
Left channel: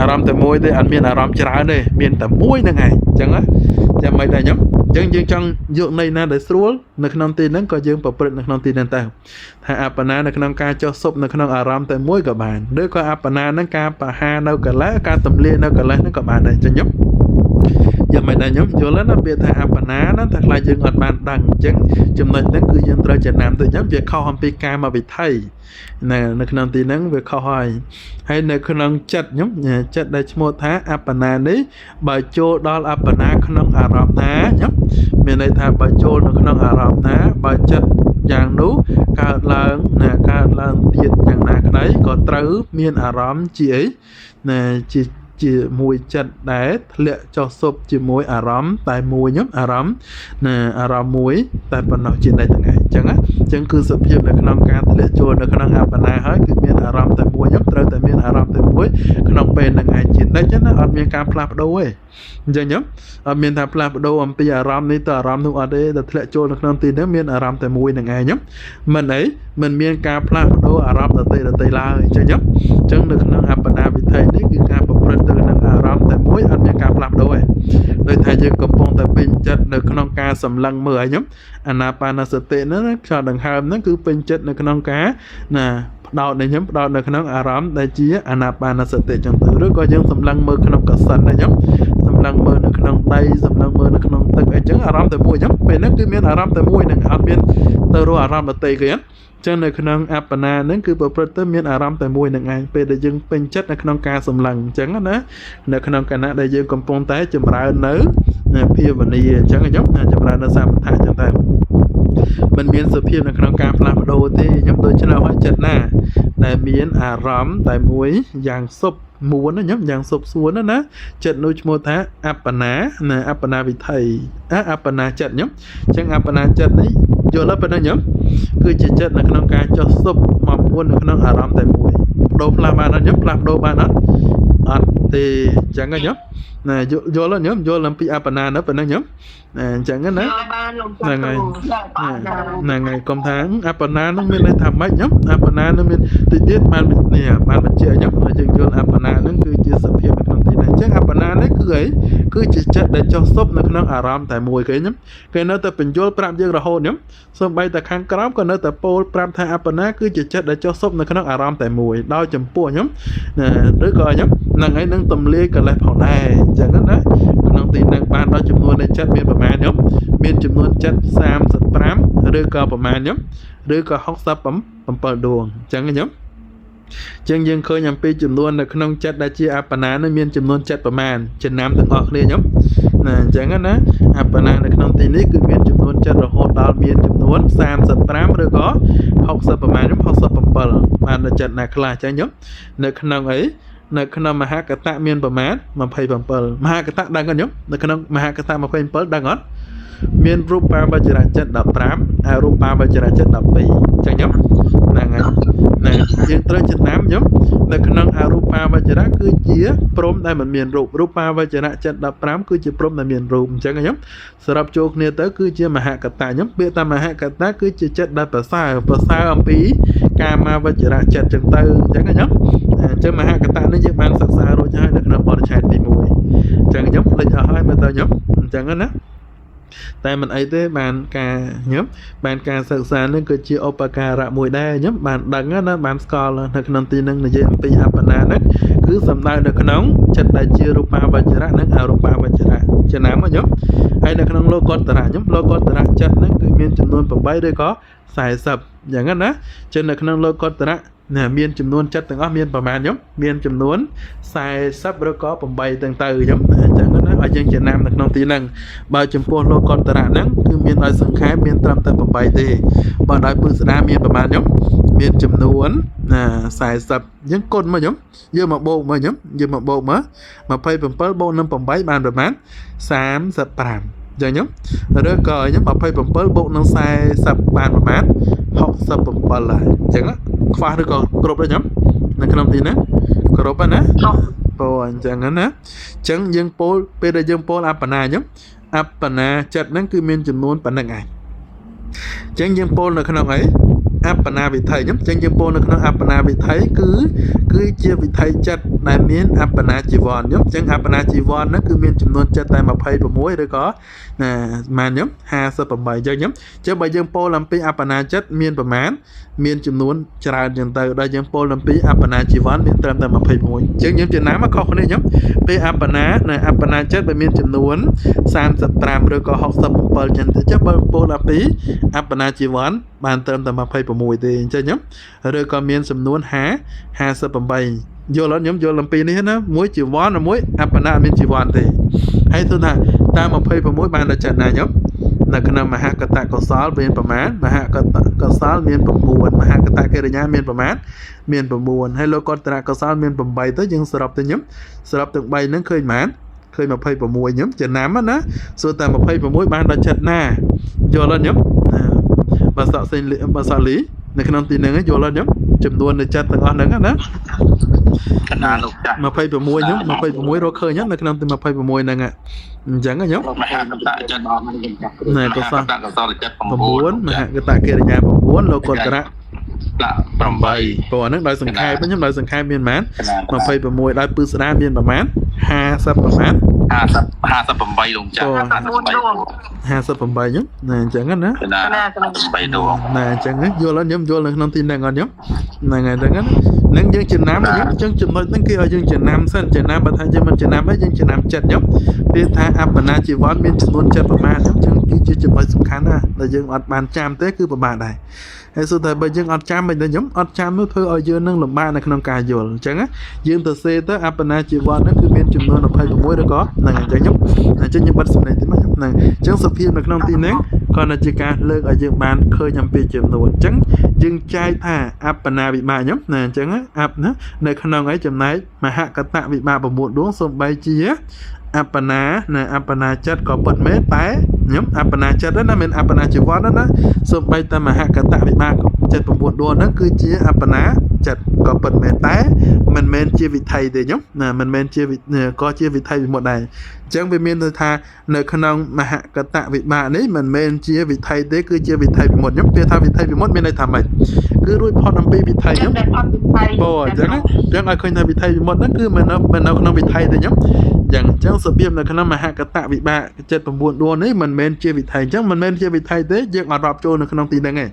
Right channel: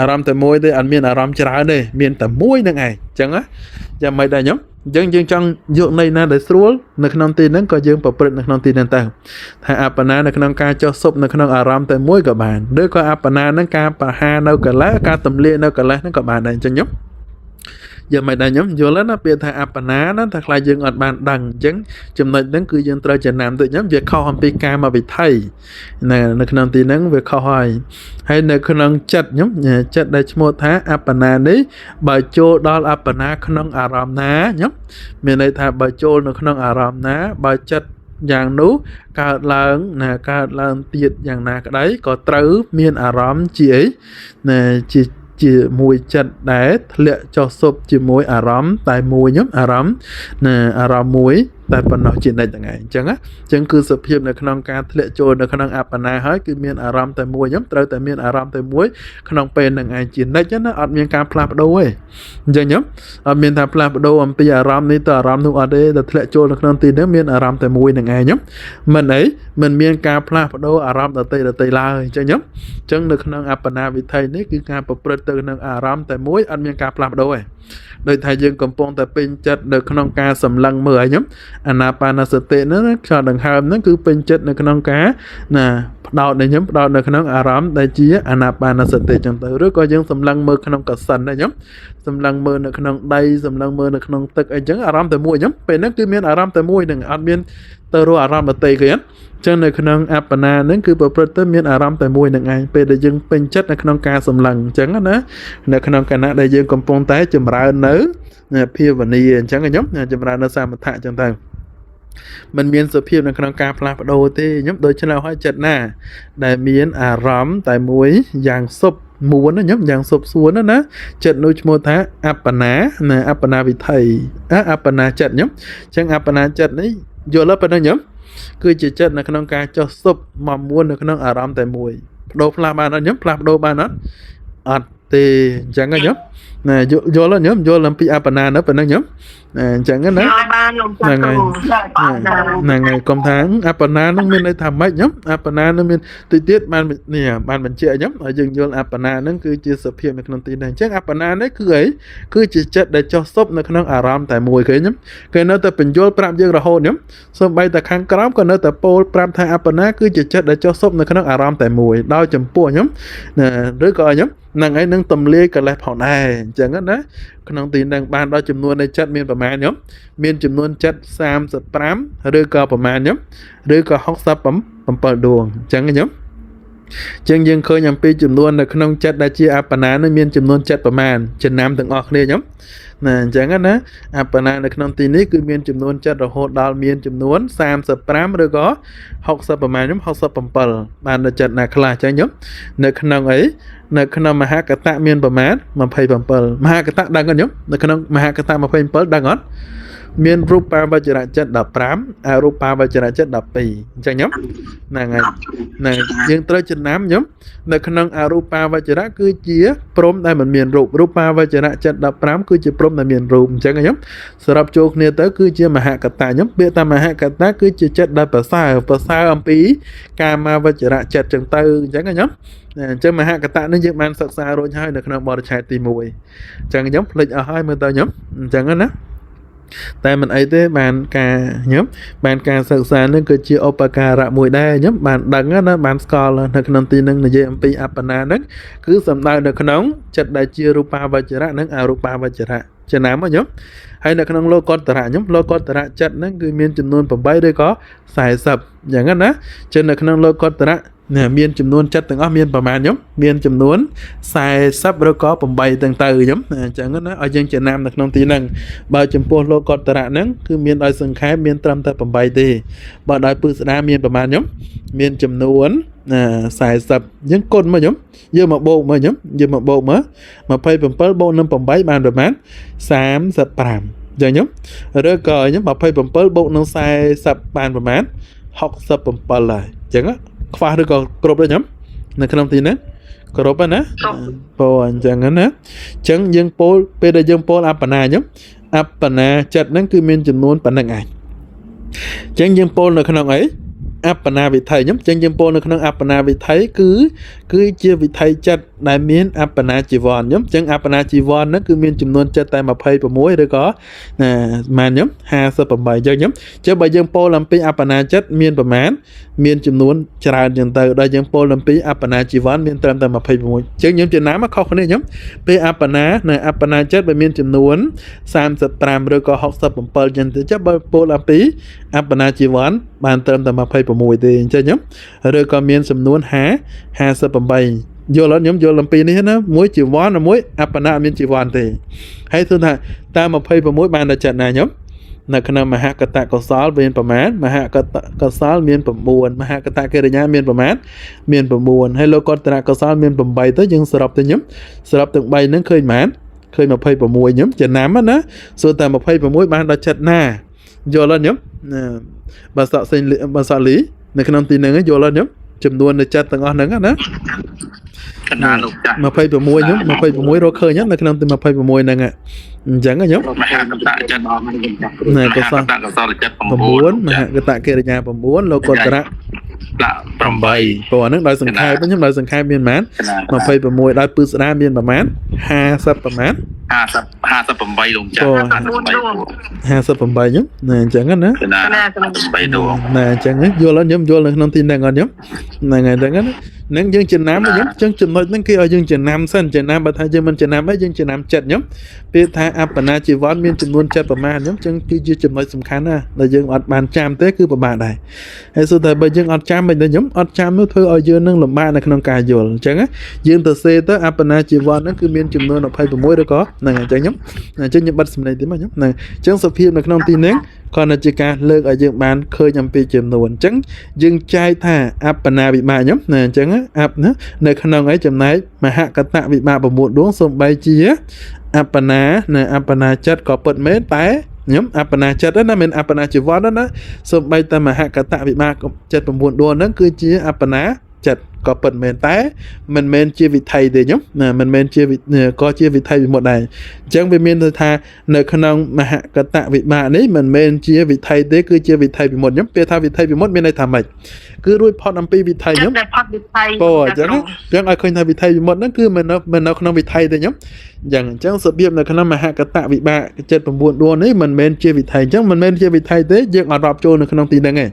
អារម្មណ៍តែមួយទេអត់មានអារម្មណ៍ច្រើនទេមានតែមួយហ្នឹងឯងអញ្ចឹងចាំមិនដែរខ្ញុំអញ្ចឹងយើងចង់យកន័យណាដែលស្រួលនៅក្នុងទីហ្នឹងក៏យើងប្រព្រឹត្តនៅក្នុងទីហ្នឹងទៅថាអបណានៅក្នុងការចុះស៊ុបនៅក្នុងអារម្មណ៍តែមួយក៏បានឬក៏អបណាហ្នឹងការបហានៅកលេសការទម្លាយនៅកលេសហ្នឹងក៏បានដែរអញ្ចឹងខ្ញុំ giờ mày đã nhóm vô lên nó biệt thà áp ná nó thật là dương ở bàn đằng chứng chùm này đến cứ dân trời chẳng làm từ nhóm việc khâu hòm pk mà bị thay nè nó khả năng tin nắng việc khâu hỏi hay nó khả năng chặt nhóm chặt đây một tháng áp ná đấy bà chô đó là áp ná khả năng ả rạp ná nhóm mình này thà bà chô nó khả năng ả rạp ná bà chặt dạng nú cả lần nè cả lần tiệt dạng nà cái đấy có trứ miên ả rạp chị ấy nè chỉ mùi chặt đá lệ cho sụp chỉ mùi ả rắm tại mùi nhóm ả rắm nè ả rắm mùi tại phần nào chuyện này từng ngày chẳng á chẳng cứ sụp hiệp là khả năng cá lệ cho là khả năng áp này hết cứ miền ả rắm tại mùi nhóm tới tại miền ả rắm tại mùi khả năng bên là ngày chuyện đây chứ nó ở miền cam plap đâu ấy giờ nhóm ở miền tham plap đâu âm bây ả rắm này tờ rắm ở đây là lệ cho là khả năng tin đến miền ả rắm tại mùi là ngày nhóm mình ấy mình miền cam plap đâu ả rắm là tây la cho nhóm chẳng được khả năng áp này vì thầy đấy cứ cam plap từ năng ả rắm tại mùi ăn miếng cam làm đâu ấy đây thầy dương cầm phong tại pin chất được khăn cá sầm lăng mờ ấy nhắm anapanasati nó cho đằng hàm nó cứ pin chất được khăn cá nè đào này nhắm đào được khăn ả rắm đây chỉ anapanasati trong từ rất có dương sầm lăng mờ khăn cá sần này nhắm sầm lăng mờ được khăn đây sầm lăng mờ được khăn tực ấy chẳng ả rắm tại mùi nhắm về nó cứ miếng ả rắm tại mùi này ăn miếng tơ ro ả rắm ở tây kia chẳng này khả năng áp na nó cứ bảo tới miền ả rắm tại mùi này ngay về để dừng pin chất là khả năng ca sầm lằng chẳng á đó là khả năng cả na đây dừng cầm phong tái chùm ra nớ pia và ni chẳng cái giống chùm ra nó sang một thang chẳng thang mình miền sự pia là khả năng ca làm đồ thì nhóm tôi chỉ là hóa chất nè này miền ả rắm tại mùi dạng sụp muốn nó nhóm dạng sụp xuống đó nè trận nuôi một tháng áp na nè áp na vì thầy áp na trận nhóm chẳng áp na trận đấy vô lớp bên đó nhóm cứ chỉ chất là khả năng ca cho sụp mà muốn là khả năng ả rắm tại mùi đồ làm bạn nó nhóm làm đồ bạn nó thì chẳng cái nhóm nè vô là nhóm vô làm pi apana nữa bên đó nhóm chẳng cái nữa là ngày công tháng apana nó mới làm mấy nhóm apana nó mới tự tiết ban nè ban mình chia nhóm ở dừng vô apana nó cứ chia sập hiện được tiền này chắc apana đấy cứ ấy cứ chỉ chất để cho sụp là khả năng ả rắm tại mùi cái nhóm cái nó tập bình vô pram dương là hôn nhóm xong bay tại khang cám còn nó tập pol pram thay apana cứ chỉ chất để cho sụp là khả năng ả rắm tại mùi đau chấm pua nhóm nè đứa coi nhóm năng ấy nâng tầm lia cả lại họ này chẳng hết đấy năng tiền năng ban đó chấm luôn đây chất miền bờ nhóm miền chấm luôn chất sam sập pram đứa coi bờ nhóm đứa coi hóc sập bấm bờ đường chẳng cái nhóm chân dương khơi nhằm pi chấm luôn là không chất đã chia apana nó miền chấm luôn chất bờ chân nam từng ngọt lia nhóm nè chẳng hết đấy apana là không tiền lý cứ miền chấm luôn chất rồi hốt đào miền chấm luôn sam sập pram đứa có hóc sập bờ nhóm hóc sập bờ ban là chất là khla chẳng nhóm nơi không ấy nơi khả năng mà hạ cả tạ miền bờ má mà phải bầm bờ mà hạ cả tạ đang có nhúng nơi khả năng mà hạ cả tạ mà phải bờ đang ngót miền rupa vajra chất đập pram rupa vajra chất đập bì chẳng nhúng này riêng tới chân nám nhúng nơi khả năng rupa vajra cứ chia prom đây mình miền rupa vajra chất đập pram cứ chia prom là miền rum chẳng nhúng sập chốt này tới cứ chia mà hạ cả tạ nhúng biết ta mà hạ cả tạ cứ chia chất đập bờ xa âm pí kama vajra chất chân tư chẳng nhúng chứ mà hai cái ta nó dựng mang sạc xa rồi cho hai được nó bỏ chạy tìm mùi chẳng giống lịch ở hai mươi tờ nhóm chẳng á tại mình ấy thế bàn ca nhóm bàn ca sạc xa nên cứ chia opaka rạ mùi đa nhóm bàn đắng á nó bàn score là được nông tin nâng là JMP apana nó cứ sầm đai được nóng chặt đại chia rupa và chả nâng rupa và chả nám á nhóm hay được nông lô con tara nhóm lô con tara chặt nó cứ miên chừng luôn bằng bay đây có xài sập chẳng á trên được nông lô con tara nè miền chấm nón chất từng áp miềnประมาณ nhóm miền chấm nón xài sắp rồi có bầm bay từng từ nhóm chẳng có nói ở trên Việt Nam là nông tí năng bao chấm polo con tara nắng cứ miền đại sừng khái miền trầm tại bầm bay thì bọn đại bự đa miền ประมาณ nhóm miền chấm nón xài sắp những con mà nhóm giờ mà bộ mà nhóm giờ mà bộ mà phải bầm pơ bộ năm bầm bay bàn ประมาณ 30 giờ nhóm rồi cờ nhóm bảo phải bầm pơ bộ năm xài sắp bàn ประมาณ học sắp bầm pơ lại chẳng á khoa được có cột đấy nhóm này không tin nữa cột á po chẳng á chẳng dương po bây giờ dương po apana nhóm apana chặt nó cứ miên chấm nón bản năng ảnh chẳng dương po là không ấy apana bị thầy nhóm chẳng dương po là không apana bị thấy cứ chưa bị thầy chặt đại miên apana chỉ vòn nhóm chẳng apana chỉ vòn nó cứ miên chấm nón chặt tại mà phay và muối đấy có mà nhóm 27 giờ nhóm chứ bây dương po làm pi apana chặt miên ประมาณ មានចំនួនច្រើនចឹងទៅដល់យើងពលអំពីអបណាជីវ័នមានត្រឹមតែ26ចឹងខ្ញុំចំណាំមកខុសគ្នាខ្ញុំពេលអបណានៅអបណាចិត្តបើមានចំនួន35ឬក៏67ចឹងទៅចាំបើពលអំពីអបណាជីវ័នបានត្រឹមតែ26ទេអញ្ចឹងខ្ញុំឬក៏មានចំនួន58យល់អត់ខ្ញុំយល់អំពីនេះណាមួយជីវ័នមួយអបណាមានជីវ័នទេហើយទោះថាតាម26បានតែចិត្តណាខ្ញុំនៅក្នុងមហាកតកុសលមានប្រមាណមហាកតកុសលមាន9មហាកតកិរិយាមានប្រមាណមាន9ហើយលោកកតកុសលមាន8ទៅយើងសរុបទៅខ្ញុំសរុបទាំង3ហ្នឹងឃើញប៉ុន្មានឃើញ26ខ្ញុំចំណាំណាសួរតែ26បានដល់ចិត្តណាយល់អត់ខ្ញុំបើសក់សេងបើសក់លីនៅក្នុងទីហ្នឹងយល់អត់ខ្ញុំចំនួននៃចិត្តទាំងអស់ហ្នឹងណាកណ្ដាលលោកចាស់26ខ្ញុំ26រកឃើញនៅក្នុងទី26ហ្នឹងអញ្ចឹងខ្ញុំមហាកតចិត្តអស់ហ្នឹងខ្ញុំចាស់ណាកុសលចិត្ត9មហាកតកិរិយា9លោកកតរៈ8ព្រោះហ្នឹងដោយសង្ខេបខ្ញុំដោយសង្ខេបមានប៉ុន្មាន26ដោយពឹស្ដាមានប្រមាណ50ប្រមាណ58លោកចាស់58ខ្ញុំណាអញ្ចឹងណា58ដួងណាអញ្ចឹងយល់អត់ខ្ញុំយល់នៅក្នុងទីហ្នឹងអត់ខ្ញុំហ្នឹងហើយហ្នឹងហ្នឹងយើងចំណាំខ្ញុំអញ្ចឹងចំណុចហ្នឹងគេឲ្យយើងចំណាំសិនចំណាំបើថាយើងមិនចំណាំហើយយើងចំណាំចិត្តខ្ញុំពេលថាអបណាជីវ័នមានចំនួនចិត្តប្រមាណខ្ញុំអញ្ចឹងគឺជាចំណុចសំខាន់ណាដែលយើងអត់បានចាំទេគឺពិបាកដែរហើយសូតែបើយើងអត់ចាំមិនដែរខ្ញុំអត់ចាំនោះធ្វើឲ្យយើងនឹងលំបាកនៅក្នុងការយល់អញ្ចឹងយើងទៅសេទៅអបណាជីវ័នហ្នឹងគឺមានចំនួន26ឬក៏ហ្នឹងអញ្ចឹងខ្ញុំបិទសំឡេងតិចមកខ្ញុំហ្នឹងអញ្ចឹងសុភាពនៅក្នុងទីនេះក៏នៅជាការលើកឲ្យយើងបានឃើញអំពីចំនួនអញ្ចឹងយើងចែកថាអបណាវិបាកខ្ញុំណាអញ្ចឹងអបណានៅក្នុងឯចំណែកមហកតវិបាក9ដួងសំបីជាអបណានៅអបណាចិត្តក៏ពិតមែនតែខ្ញុំអបណាចិត្តណាមិនអបណាជីវ័នណាសំបីតែមហកតវិបាក79ដួងហ្នឹងគឺជាអបណាចិត្តក៏ពិតមែនតែមិនមែនជាវិថីទេខ្ញុំណាមិនមែនជាក៏ជាវិថីវិមុតដែរអញ្ចឹងវាមានន័យថានៅក្នុងមហកតវិបាកនេះមិនមែនជាវិថីទេគឺជាវិថីវិមុតខ្ញុំពេលថាវិថីវិមុតមានន័យថាម៉េចគឺរួចផុតអំពីវិថីខ្ញុំអូអញ្ចឹងឲ្យឃើញថាវិថីវិមុតហ្នឹងគឺមិននៅក្នុងវិថីទេខ្ញុំយ៉ាងអញ្ចឹងរបៀបនៅក្នុងមហកតវិបាក79ដួងនេះមិនមែនជាវិថីអញ្ចឹងមិនមែនជាវិថីទេយើងអត់រាប់ចូលនៅក្នុងទីហ្នឹងទេ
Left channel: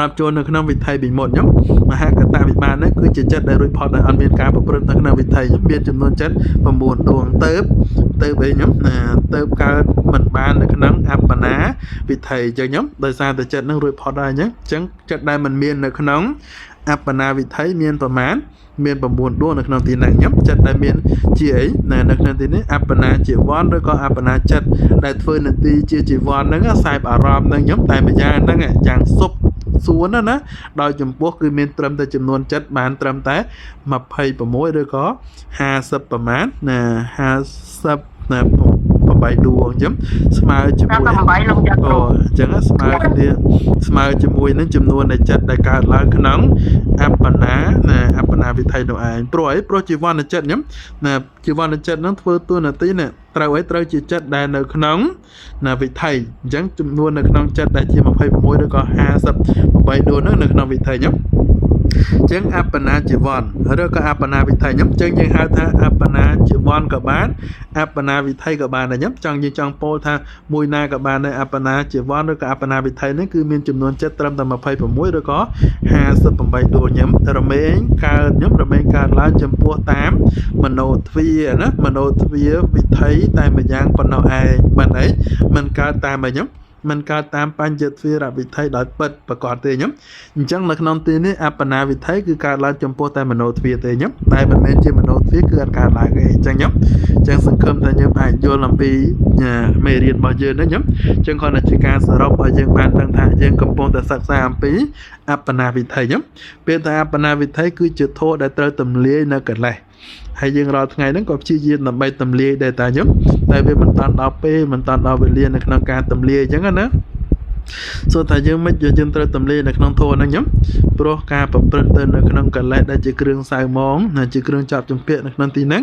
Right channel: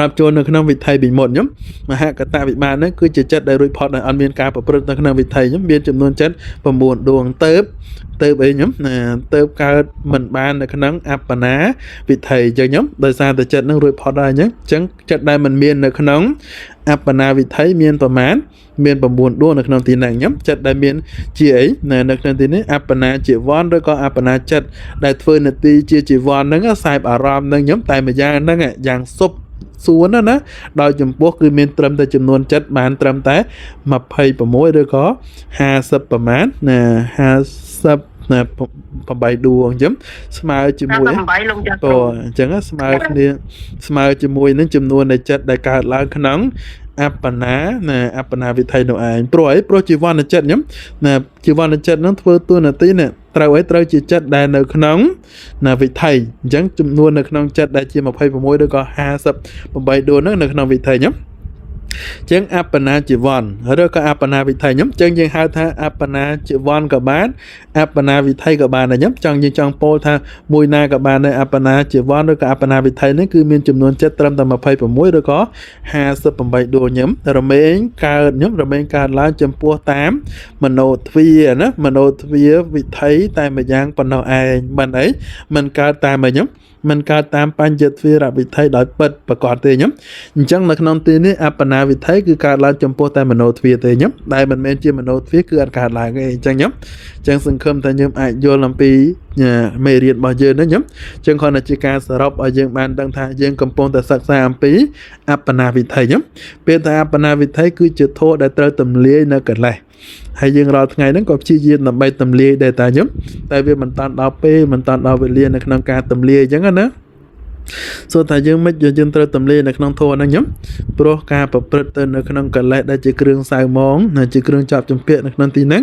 រាប់ចូលនៅក្នុងវិថីវិមុតខ្ញុំមហកតវិបាកនេះគឺជាចិត្តដែលរួចផុតដែលអត់មានការប្រព្រឹត្តនៅក្នុងវិថីខ្ញុំមានចំនួនចិត្ត9ដួងទៅអីខ្ញុំទៅកើតមិនបាននៅក្នុងអបណាវិថីអញ្ចឹងខ្ញុំដោយសារតែចិត្តនឹងរួចផុតហើយអញ្ចឹងចិត្តដែលមិនមាននៅក្នុងអបណាវិថីមានប្រមាណមាន9ដួងនៅក្នុងទីនេះខ្ញុំចិត្តដែលមានជាអីនៅក្នុងទីនេះអបណាជីវ័នឬក៏អបណាចិត្តដែលធ្វើនាទីជាជីវ័នហ្នឹងខ្សែអារម្មណ៍ហ្នឹងខ្ញុំតែម្យ៉ាងហ្នឹងយ៉ាងសុបសួនណាដោយចំពោះគឺមានត្រឹមតែចំនួនចិត្តបានត្រឹមតែ26ឬក៏50ប្រមាណណា50ណា8ដួងអញ្ចឹងស្មើជាមួយអូអញ្ចឹងស្មើគ្នាស្មើជាមួយនឹងចំនួននៃចិត្តដែលកើតឡើងក្នុងអបណាអបណាវិថីនោះឯងព្រោះជីវ័នចិត្តខ្ញុំណាជីវ័នចិត្តនឹងធ្វើតួនាទីនេះត្រូវជាចិត្តដែលនៅក្នុងវិថីអញ្ចឹងចំនួននៅក្នុងចិត្តដែលជា26ឬក៏58ដួងនៅក្នុងវិថីខ្ញុំចឹងអបណាជីវ័នឬក៏អបណាវិថីខ្ញុំចឹងយើងហៅថាអបណាជីវ័នក៏បានអបណាវិថីក៏បានដែរខ្ញុំយើងចង់ពោលថាមួយណាក៏បានដែរអបណាជីវ័នឬក៏អបណាវិថីនេះគឺមានចំនួនចិត្តត្រឹមតែ26ឬក៏58ដួងខ្ញុំរមែងកើតឡើងចំពោះតាមមโนទ្វាណាមโนទ្វាវិថីតែម្យ៉ាងប៉ុណ្ណោះឯងមិនអីមិនកើតតាមអីខ្ញុំមិនកើតតាមបញ្ញទ្វារវិថីដោយពិតប្រកបទេខ្ញុំអញ្ចឹងនៅក្នុងទីនេះអបណាវិថីគឺកើតឡើងចំពោះតែមโนទ្វាទេខ្ញុំដែលមិនមែនជាមโนទ្វាគឺអត់កើតឡើងទេអញ្ចឹងខ្ញុំអញ្ចឹងសង្ឃឹមថាយើងអាចយល់អំពីមេរៀនរបស់យើងណាខ្ញុំអញ្ចឹងគ្រាន់តែជាការសរុបឲ្យយើងបានដឹងថាយើងកំពុងតែសិក្សាអំពីអបណាវិថីខ្ញុំពេលថាអបណាវិថីគឺជាធម៌ដែលត្រូវទម្លាយនៅកិលេសហើយយើងរាល់ថ្ងៃហ្នឹងក៏ព្យាយាមដើម្បីទម្លាយដែរតាខ្ញុំតែវាមិនតាន់ដល់ពេលមិនតាន់ដល់វេលានៅក្នុងការទម្លាយអញ្ចឹងណាសូត្រថាយើងមិនយើងត្រូវទម្លាយនៅក្នុងធម៌ហ្នឹងខ្ញុំព្រោះការប្រព្រឹត្តទៅនៅក្នុងកិលេសដែលជាគ្រឿងសៅហ្មងជាគ្រឿងចាប់ជំពាក់នៅក្នុងទីហ្នឹង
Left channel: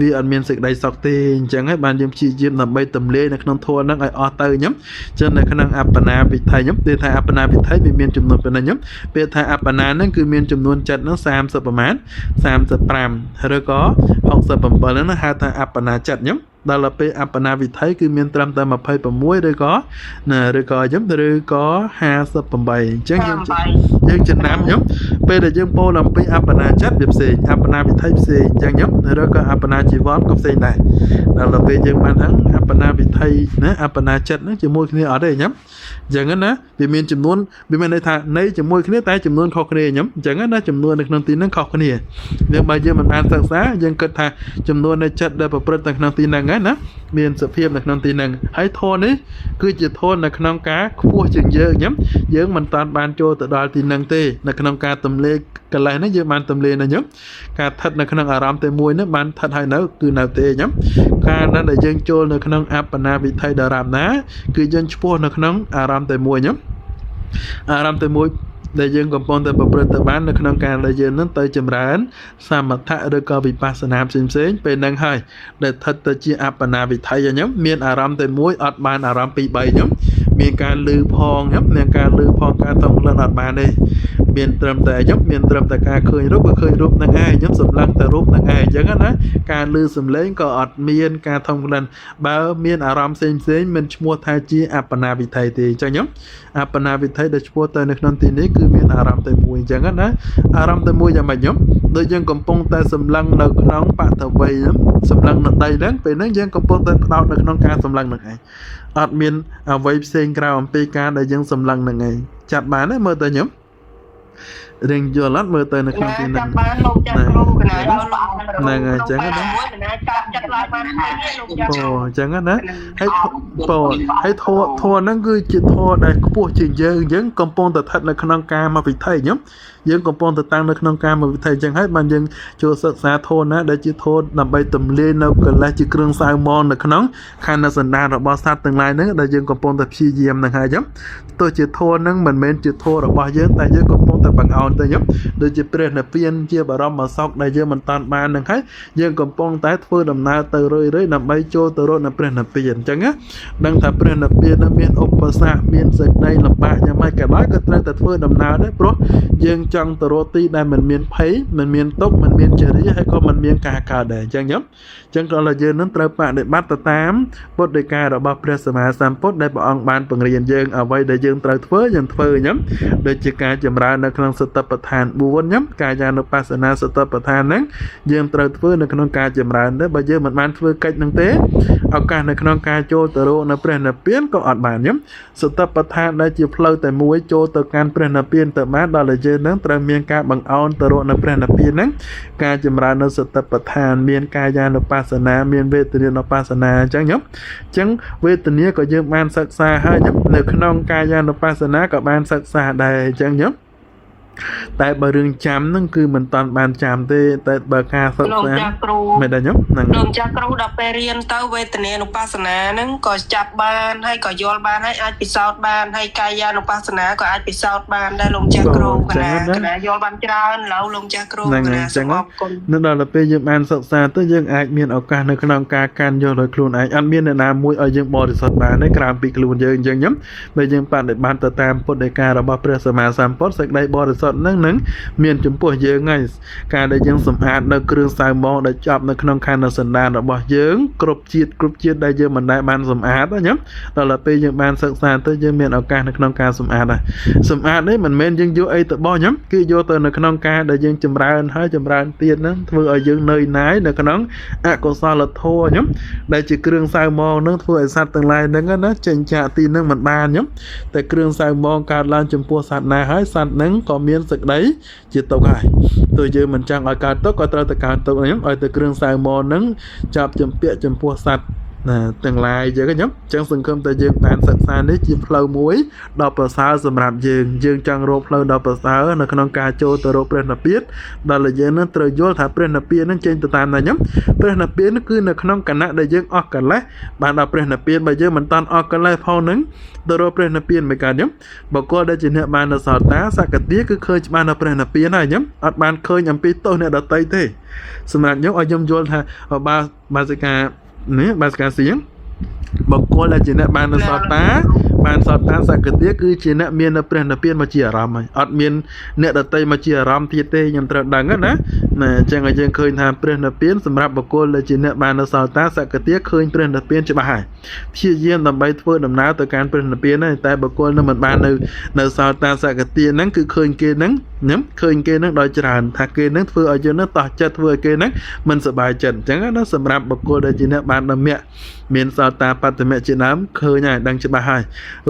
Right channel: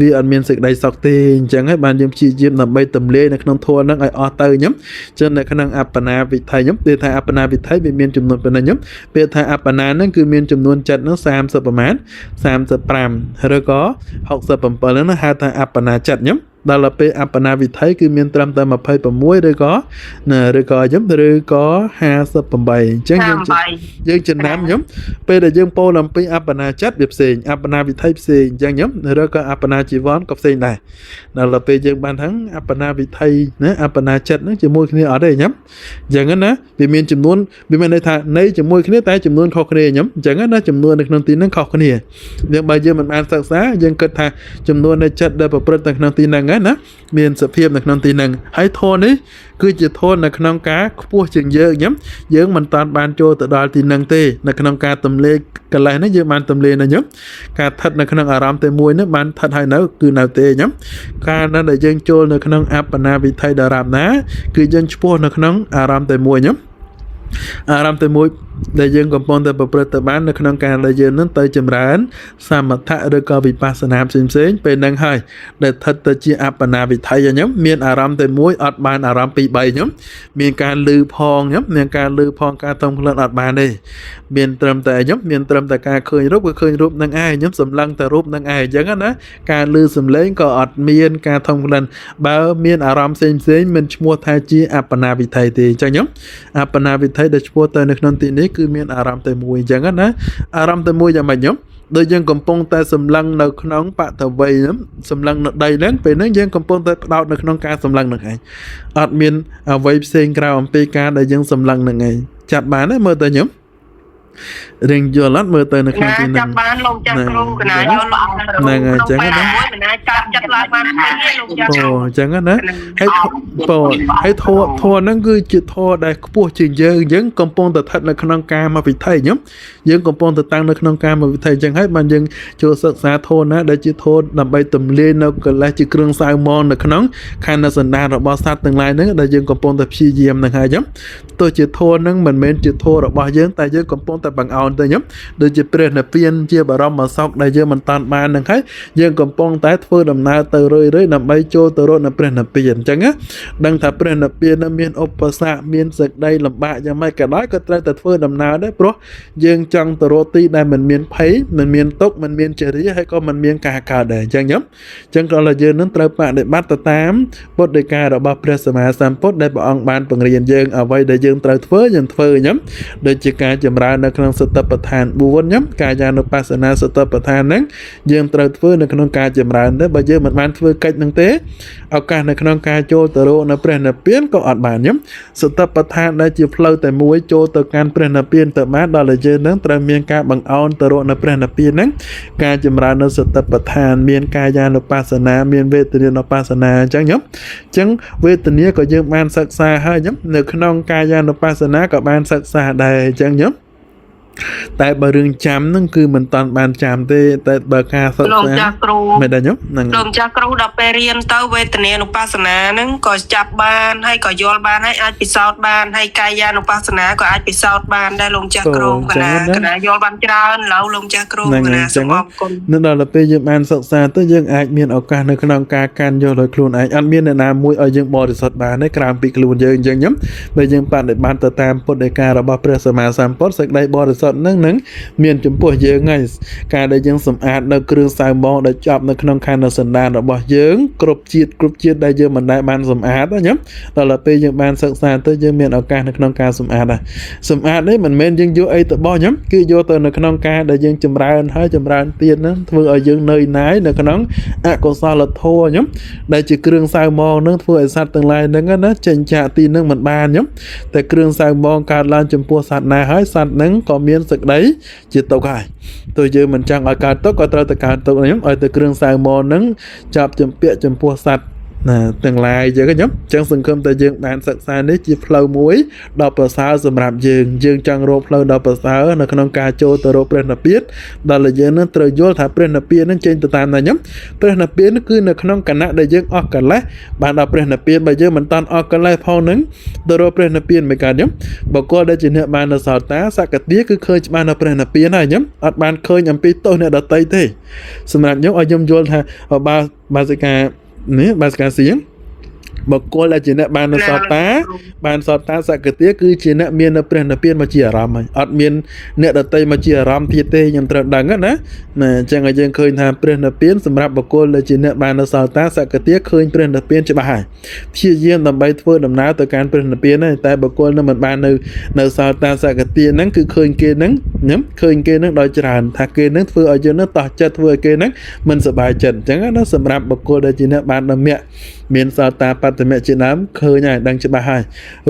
វាអត់មានសេចក្តីសុខទេអញ្ចឹងហើយបានយើងព្យាយាមដើម្បីទម្លាយនៅក្នុងធម៌ហ្នឹងឲ្យអស់ទៅខ្ញុំចឹងនៅក្នុងអបណាវិថីខ្ញុំពេលថាអបណាវិថីវាមានចំនួនប៉ុណ្ណឹងខ្ញុំពេលថាអបណាហ្នឹងគឺមានចំនួនចិត្តហ្នឹង30ប្រមាណ35ឬក៏67ហ្នឹងហៅថាអបណាចិត្តខ្ញុំ ដល់ទៅពេលអបណាវិថីគឺមានត្រឹមតែ26ឬក៏ណាឬក៏អញ្ចឹងឬក៏58អញ្ចឹងយើងចំណាំខ្ញុំពេលដែលយើងពោលអំពីអបណាចិត្តវាផ្សេងអបណាវិថីផ្សេងអញ្ចឹងខ្ញុំឬក៏អបណាជីវ័នក៏ផ្សេងដែរដល់ទៅពេលយើងបានហ្នឹងអបណាវិថីណាអបណាចិត្តហ្នឹងជាមួយគ្នាអត់ទេខ្ញុំអញ្ចឹងណាវាមានចំនួនវាមានន័យថានៃជាមួយគ្នាតែចំនួនខុសគ្នាខ្ញុំអញ្ចឹងណាចំនួននៅក្នុងទីហ្នឹងខុសគ្នាយើងបើយើងមិនបានសិក្សាយើងគិតថាចំនួននៃចិត្តដែលប្រព្រឹត្តនៅក្នុងទីហ្នឹងណាមានសភាពនៅក្នុងទីហ្នឹងហើយធម៌នេះគឺជាធម៌នៅក្នុងការខ្ពស់ជាងយើងខ្ញុំយើងមិនតាន់បានចូលទៅដល់ទីហ្នឹងទេនៅក្នុងការទម្លាកកលេសនេះយើងបានទម្លាកនៅខ្ញុំការស្ថិតនៅក្នុងអារម្មណ៍តែមួយនេះបានស្ថិតហើយនៅគឺនៅទេខ្ញុំការដែលយើងចូលនៅក្នុងអបណាវិថីដរាបណាគឺយើងឈ្មោះនៅក្នុងអារម្មណ៍តែមួយខ្ញុំអារម្មណ៍តែមួយដែលយើងកំពុងតែប្រព្រឹត្តទៅបាននៅក្នុងការដែលយើងនឹងទៅចម្រើនសមថៈឬក៏វិបស្សនាផ្សេងៗពេលហ្នឹងហើយដែលស្ថិតទៅជាអបណាវិថីខ្ញុំមានអារម្មណ៍តែមួយអត់បានអារម្មណ៍ពីរ3ខ្ញុំមានការលឺផងខ្ញុំមានការលឺផងការតង់ក្លិនអត់បានទេមានត្រឹមតែខ្ញុំមានត្រឹមតែការឃើញរូបគឺឃើញរូបហ្នឹងឯងខ្ញុំសម្លឹងតែរូបហ្នឹងឯងអញ្ចឹងណាការលឺសំឡេងក៏អត់មានការថង់ក្លិនបើមានអារម្មណ៍ផ្សេងមិនឈ្មោះថាជាអបណាវិថីទេអញ្ចឹងខ្ញុំអបណាវិថីដែលឈ្មោះទៅនៅក្នុងទីនេះគឺមានអារម្មណ៍តែមួយអញ្ចឹងណាអារម្មណ៍តែមួយយ៉ាងម៉េចខ្ញុំដូចយើងកំពុងតែសម្លឹងនៅក្នុងបតវ័យសម្លឹងនៅដីហ្នឹងពេលហ្នឹងយើងកំពុងតែផ្ដោតនៅក្នុងការសម្លឹងហ្នឹងឯងអត់មានអ្វីផ្សេងក្រៅអំពីការដែលយើងសម្លឹងហ្នឹងឯងចាប់បានទេមើលទៅខ្ញុំរៀងយល់អត់មើលទៅនៅក្នុងទីហ្នឹងចាប់បានលោកចាស់គ្រូកណាយល់ហ្នឹងអញ្ចឹងណាមួយមិនអាចចាប់ចិត្តឡើងបានទេលោកចាស់អូអញ្ចឹងណាហើយហើយធម៌ហ្នឹងគឺជាធម៌ដែលខ្ពស់ជាងយើងកំពុងតែស្ថិតនៅក្នុងការមកវិថីខ្ញុំយើងកំពុងតែតាំងនៅក្នុងការមកវិថីអញ្ចឹងហើយបានយើងចូលសិក្សាធម៌ណាដែលជាធម៌ដើម្បីទម្លាយនៅកិលេសជាគ្រឿងសៅមងនៅក្នុងខណ្ឌសន្តានរបស់សត្វទាំងឡាយហ្នឹងដែលយើងកំពុងតែព្យាយាមហ្នឹងហើយអញ្ចឹងទោះជាធម៌ហ្នឹងមិនមែនជាធម៌របស់យើងតែយើងកំពុងតែបង្អោនទៅខ្ញុំដូចជាព្រះនិព្វានជាបរមសុខដែលយើងមិនតាន់បានហ្នឹងហើយយើងកំពុងតែធ្វើដំណើរទៅរឿយៗដើម្បីចូលទៅរកនៅព្រះនិព្វានអញ្ចឹងណាដឹងថាព្រះនិព្វានមានឧបសគ្គមានសេចក្តីលំបាកយ៉ាងម៉េចក៏ដោយក៏ត្រូវតែធ្វើដំណើរដែរព្រោះយើងចង់ទៅរកទីដែលមិនមានភ័យមិនមានទុក្ខមិនមានចរិយាហើយក៏មិនមានការកើតដែរអញ្ចឹងខ្ញុំអញ្ចឹងក៏យើងនឹងត្រូវបដិបត្តិទៅតាមពុទ្ធដីការបស់ព្រះសម្មាសម្ពុទ្ធដែលព្រះអង្គបានបង្រៀនយើងអ្វីដែលយើងត្រូវធ្វើយើងធ្វើខ្ញុំដូចជាការចម្រើននៅក្នុងសតិប្បដ្ឋាន4ខ្ញុំកាយានុបស្សនាសតិប្បដ្ឋានហ្នឹងយើងត្រូវធ្វើនៅក្នុងការចម្រើនដែរបើយើងមិនបានធ្វើកិច្ចហ្នឹងទេឱកាសនៅក្នុងការចូលទៅរកនៅព្រះនិព្វានក៏អត់បានខ្ញុំសតិប្បដ្ឋានដែលជាផ្លូវតែមួយចូលទៅកាន់ព្រះនិព្វានទៅបានដល់តែយើងនឹងត្រូវមានការបង្អោនទៅរកនៅព្រះនិព្វានហ្នឹងការចម្រើននៅសតិប្បដ្ឋានមានកាយានុបស្សនាមានវេទនានុបស្សនាអញ្ចឹងខ្ញុំអញ្ចឹងវេទនាក៏យើងបានសិក្សាហើយខ្ញុំនៅក្នុងកាយានុបស្សនាក៏បានសិក្សាដែរអញ្ចឹងខ្ញុំតែបើរឿងចាំហ្នឹងគឺមិនតាន់បានចាំទេតែបើការសិក្សាមិនដែរខ្ញុំហ្នឹងលោកចាស់គ្រូដល់ពេលរៀនទៅវេទនានុបស្សនាហ្នឹងក៏ចាប់បានហើយក៏យល់បានហើយអាចពិសោធន៍បានហើយកាយានុបស្សនាក៏អាចពិសោធន៍បានដែរលោកចាស់គ្រូកណាយល់បានច្រើនឡូវលោកចាស់គ្រូកណាសូមអរគុណនៅដល់ពេលយើងបានសិក្សាទៅយើងអាចមានឱកាសនៅក្នុងការកាន់យកដោយខ្លួនឯងអត់មានអ្នកណាមួយឲ្យយើងបរិសុទ្ធបានទេក្រៅពីខ្លួនយើងអញ្ចឹងខ្ញុំបើយើងបដិបត្តិទៅតាមពុទ្ធដីការបស់ព្រះសម្មាសម្ពុទ្ធសេចក្តីបរិសុទ្ធនឹងមានចំពោះយើងហើយការដែលយើងសម្អាតនៅគ្រឿងសៅមងដែលជាប់នៅក្នុងខណ្ឌសន្តានរបស់យើងគ្រប់ជាតិដែលយើងមិនដែលបានសម្អាតណាដល់ពេលយើងបានសិក្សាទៅយើងមានឱកាសនៅក្នុងការសម្អាតដែរសម្អាតនេះមិនមែនយើងយកអីទៅបោះខ្ញុំគឺយកទៅនៅក្នុងការដែលយើងចម្រើនហើយចម្រើនទៀតហ្នឹងធ្វើឲ្យយើងនឿយណាយនៅក្នុងអកុសលធម៌ខ្ញុំដែលជាគ្រឿងសៅមងហ្នឹងធ្វើឲ្យសត្វទាំងឡាយហ្នឹងណាចេញចាកទីហ្នឹងមិនបានខ្ញុំតែគ្រឿងសៅមងកើតឡើងចំពោះសត្វណាហើយសត្វហ្នឹងក៏មានសេចក្តីជាទុកហើយទោះយើងមិនចង់ឲ្យកើតទុកក៏ត្រូវតែកើតទុកខ្ញុំឲ្យតែគ្រឿងសៅមងហ្នឹងចាប់ចម្ពាក់ចំពោះសត្វទាំងឡាយយើងខ្ញុំចឹងសង្ឃឹមតែយើងបានសិក្សានេះជាផ្លូវមួយដ៏ប្រសើរសម្រាប់យើងចង់រកផ្លូវដ៏ប្រសើរនៅក្នុងការចូលទៅរកព្រះនិព្វានដល់យើងនឹងត្រូវយល់ថាព្រះនិព្វាននឹងចេញទៅតាមណាខ្ញុំព្រះនិព្វានគឺនៅក្នុងគណៈដែលយើងអស់កិលេសបានដល់ព្រះនិព្វានបើយើងមិនតាន់អស់កិលេសផងនឹងទៅរកព្រះនិព្វានមិនកើតខ្ញុំបុគ្គលដែលជាអ្នកបាននៅសោតាសក្តិគឺឃើញច្បាស់នៅព្រះនិព្វានហើយខ្ញុំអត់បានឃើញអំពីទោសអ្នកដទៃទេសម្រាប់ខ្ញុំឲ្យខ្ញុំយល់ថាបាសិកានេះបាសិកាសៀងបុគ្គលដែលជាអ្នកបាននៅសតា បានសតតាសកតិគឺជាអ្នកមាននៅព្រះនិព្វានមកជាអារម្មណ៍ហើយអត់មានអ្នកដតីមកជាអារម្មណ៍ទៀតទេខ្ញុំត្រូវដឹងណាអញ្ចឹងឲ្យយើងឃើញថាព្រះនិព្វានសម្រាប់បុគ្គលដែលជាអ្នកបាននៅសតតាសកតិឃើញព្រះនិព្វានច្បាស់ហើយព្យាយាមដើម្បីធ្វើដំណើរទៅកាន់ព្រះនិព្វានហើយតែបុគ្គលនឹងមិនបាននៅសតតាសកតិហ្នឹងគឺឃើញគេហ្នឹងឃើញគេហ្នឹងដោយច្រើនថាគេហ្នឹងធ្វើឲ្យយើងហ្នឹងតោះចិត្តធ្វើឲ្យគេហ្នឹងមិនសប្បាយចិត្តអញ្ចឹងណាសម្រាប់បុគ្គលដែលជាអ្នកបានដំណាក់មានសោតាបត្តមៈជាដើមឃើញហើយដឹងច្បាស់ហើយ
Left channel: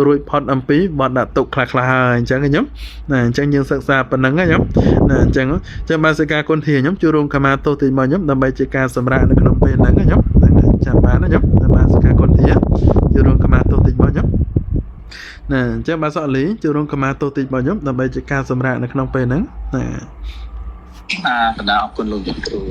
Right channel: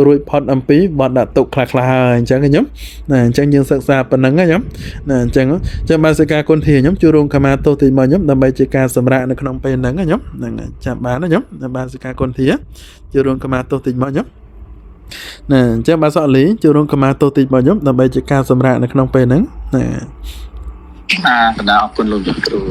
រួចផុតអំពីបទដាក់ទុកខ្លះៗហើយអញ្ចឹងខ្ញុំណាអញ្ចឹងយើងសិក្សាប៉ុណ្ណឹងខ្ញុំណាអញ្ចឹងបានសិកាគុណធាខ្ញុំជួបរួមកម្មាទោសទីមកខ្ញុំដើម្បីជាការសម្រាកនៅក្នុងពេលហ្នឹងខ្ញុំចាំបានណាខ្ញុំបានសិកាគុណធាជួបរួមកម្មាទោសទីមកខ្ញុំណាអញ្ចឹងបានសក់លីជួបរួមកម្មាទោសទីមកខ្ញុំដើម្បីជាការសម្រាកនៅក្នុងពេលហ្នឹងណាបណ្ដាអរគុណលោកគ្រូ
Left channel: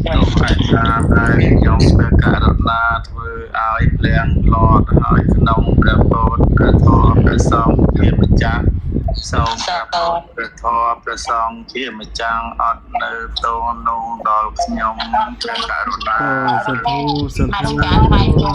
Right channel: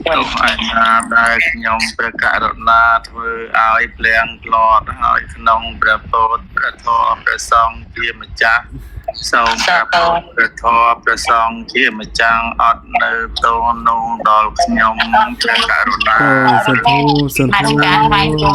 ខ្ញុំអាចថាដែលខ្ញុំព្រះករុណាធ្វើឲ្យភ្លៀងផ្លត់ហើយក្នុងព្រះពុទ្ធព្រះធម៌ព្រះសង្ឃជាម្ចាស់សូមព្រះពុទ្ធព្រះធម៌ព្រះសង្ឃជាម្ចាស់អត់នៅទោសនោះដល់ខ្ញុំព្រះករុណាសន្ទុ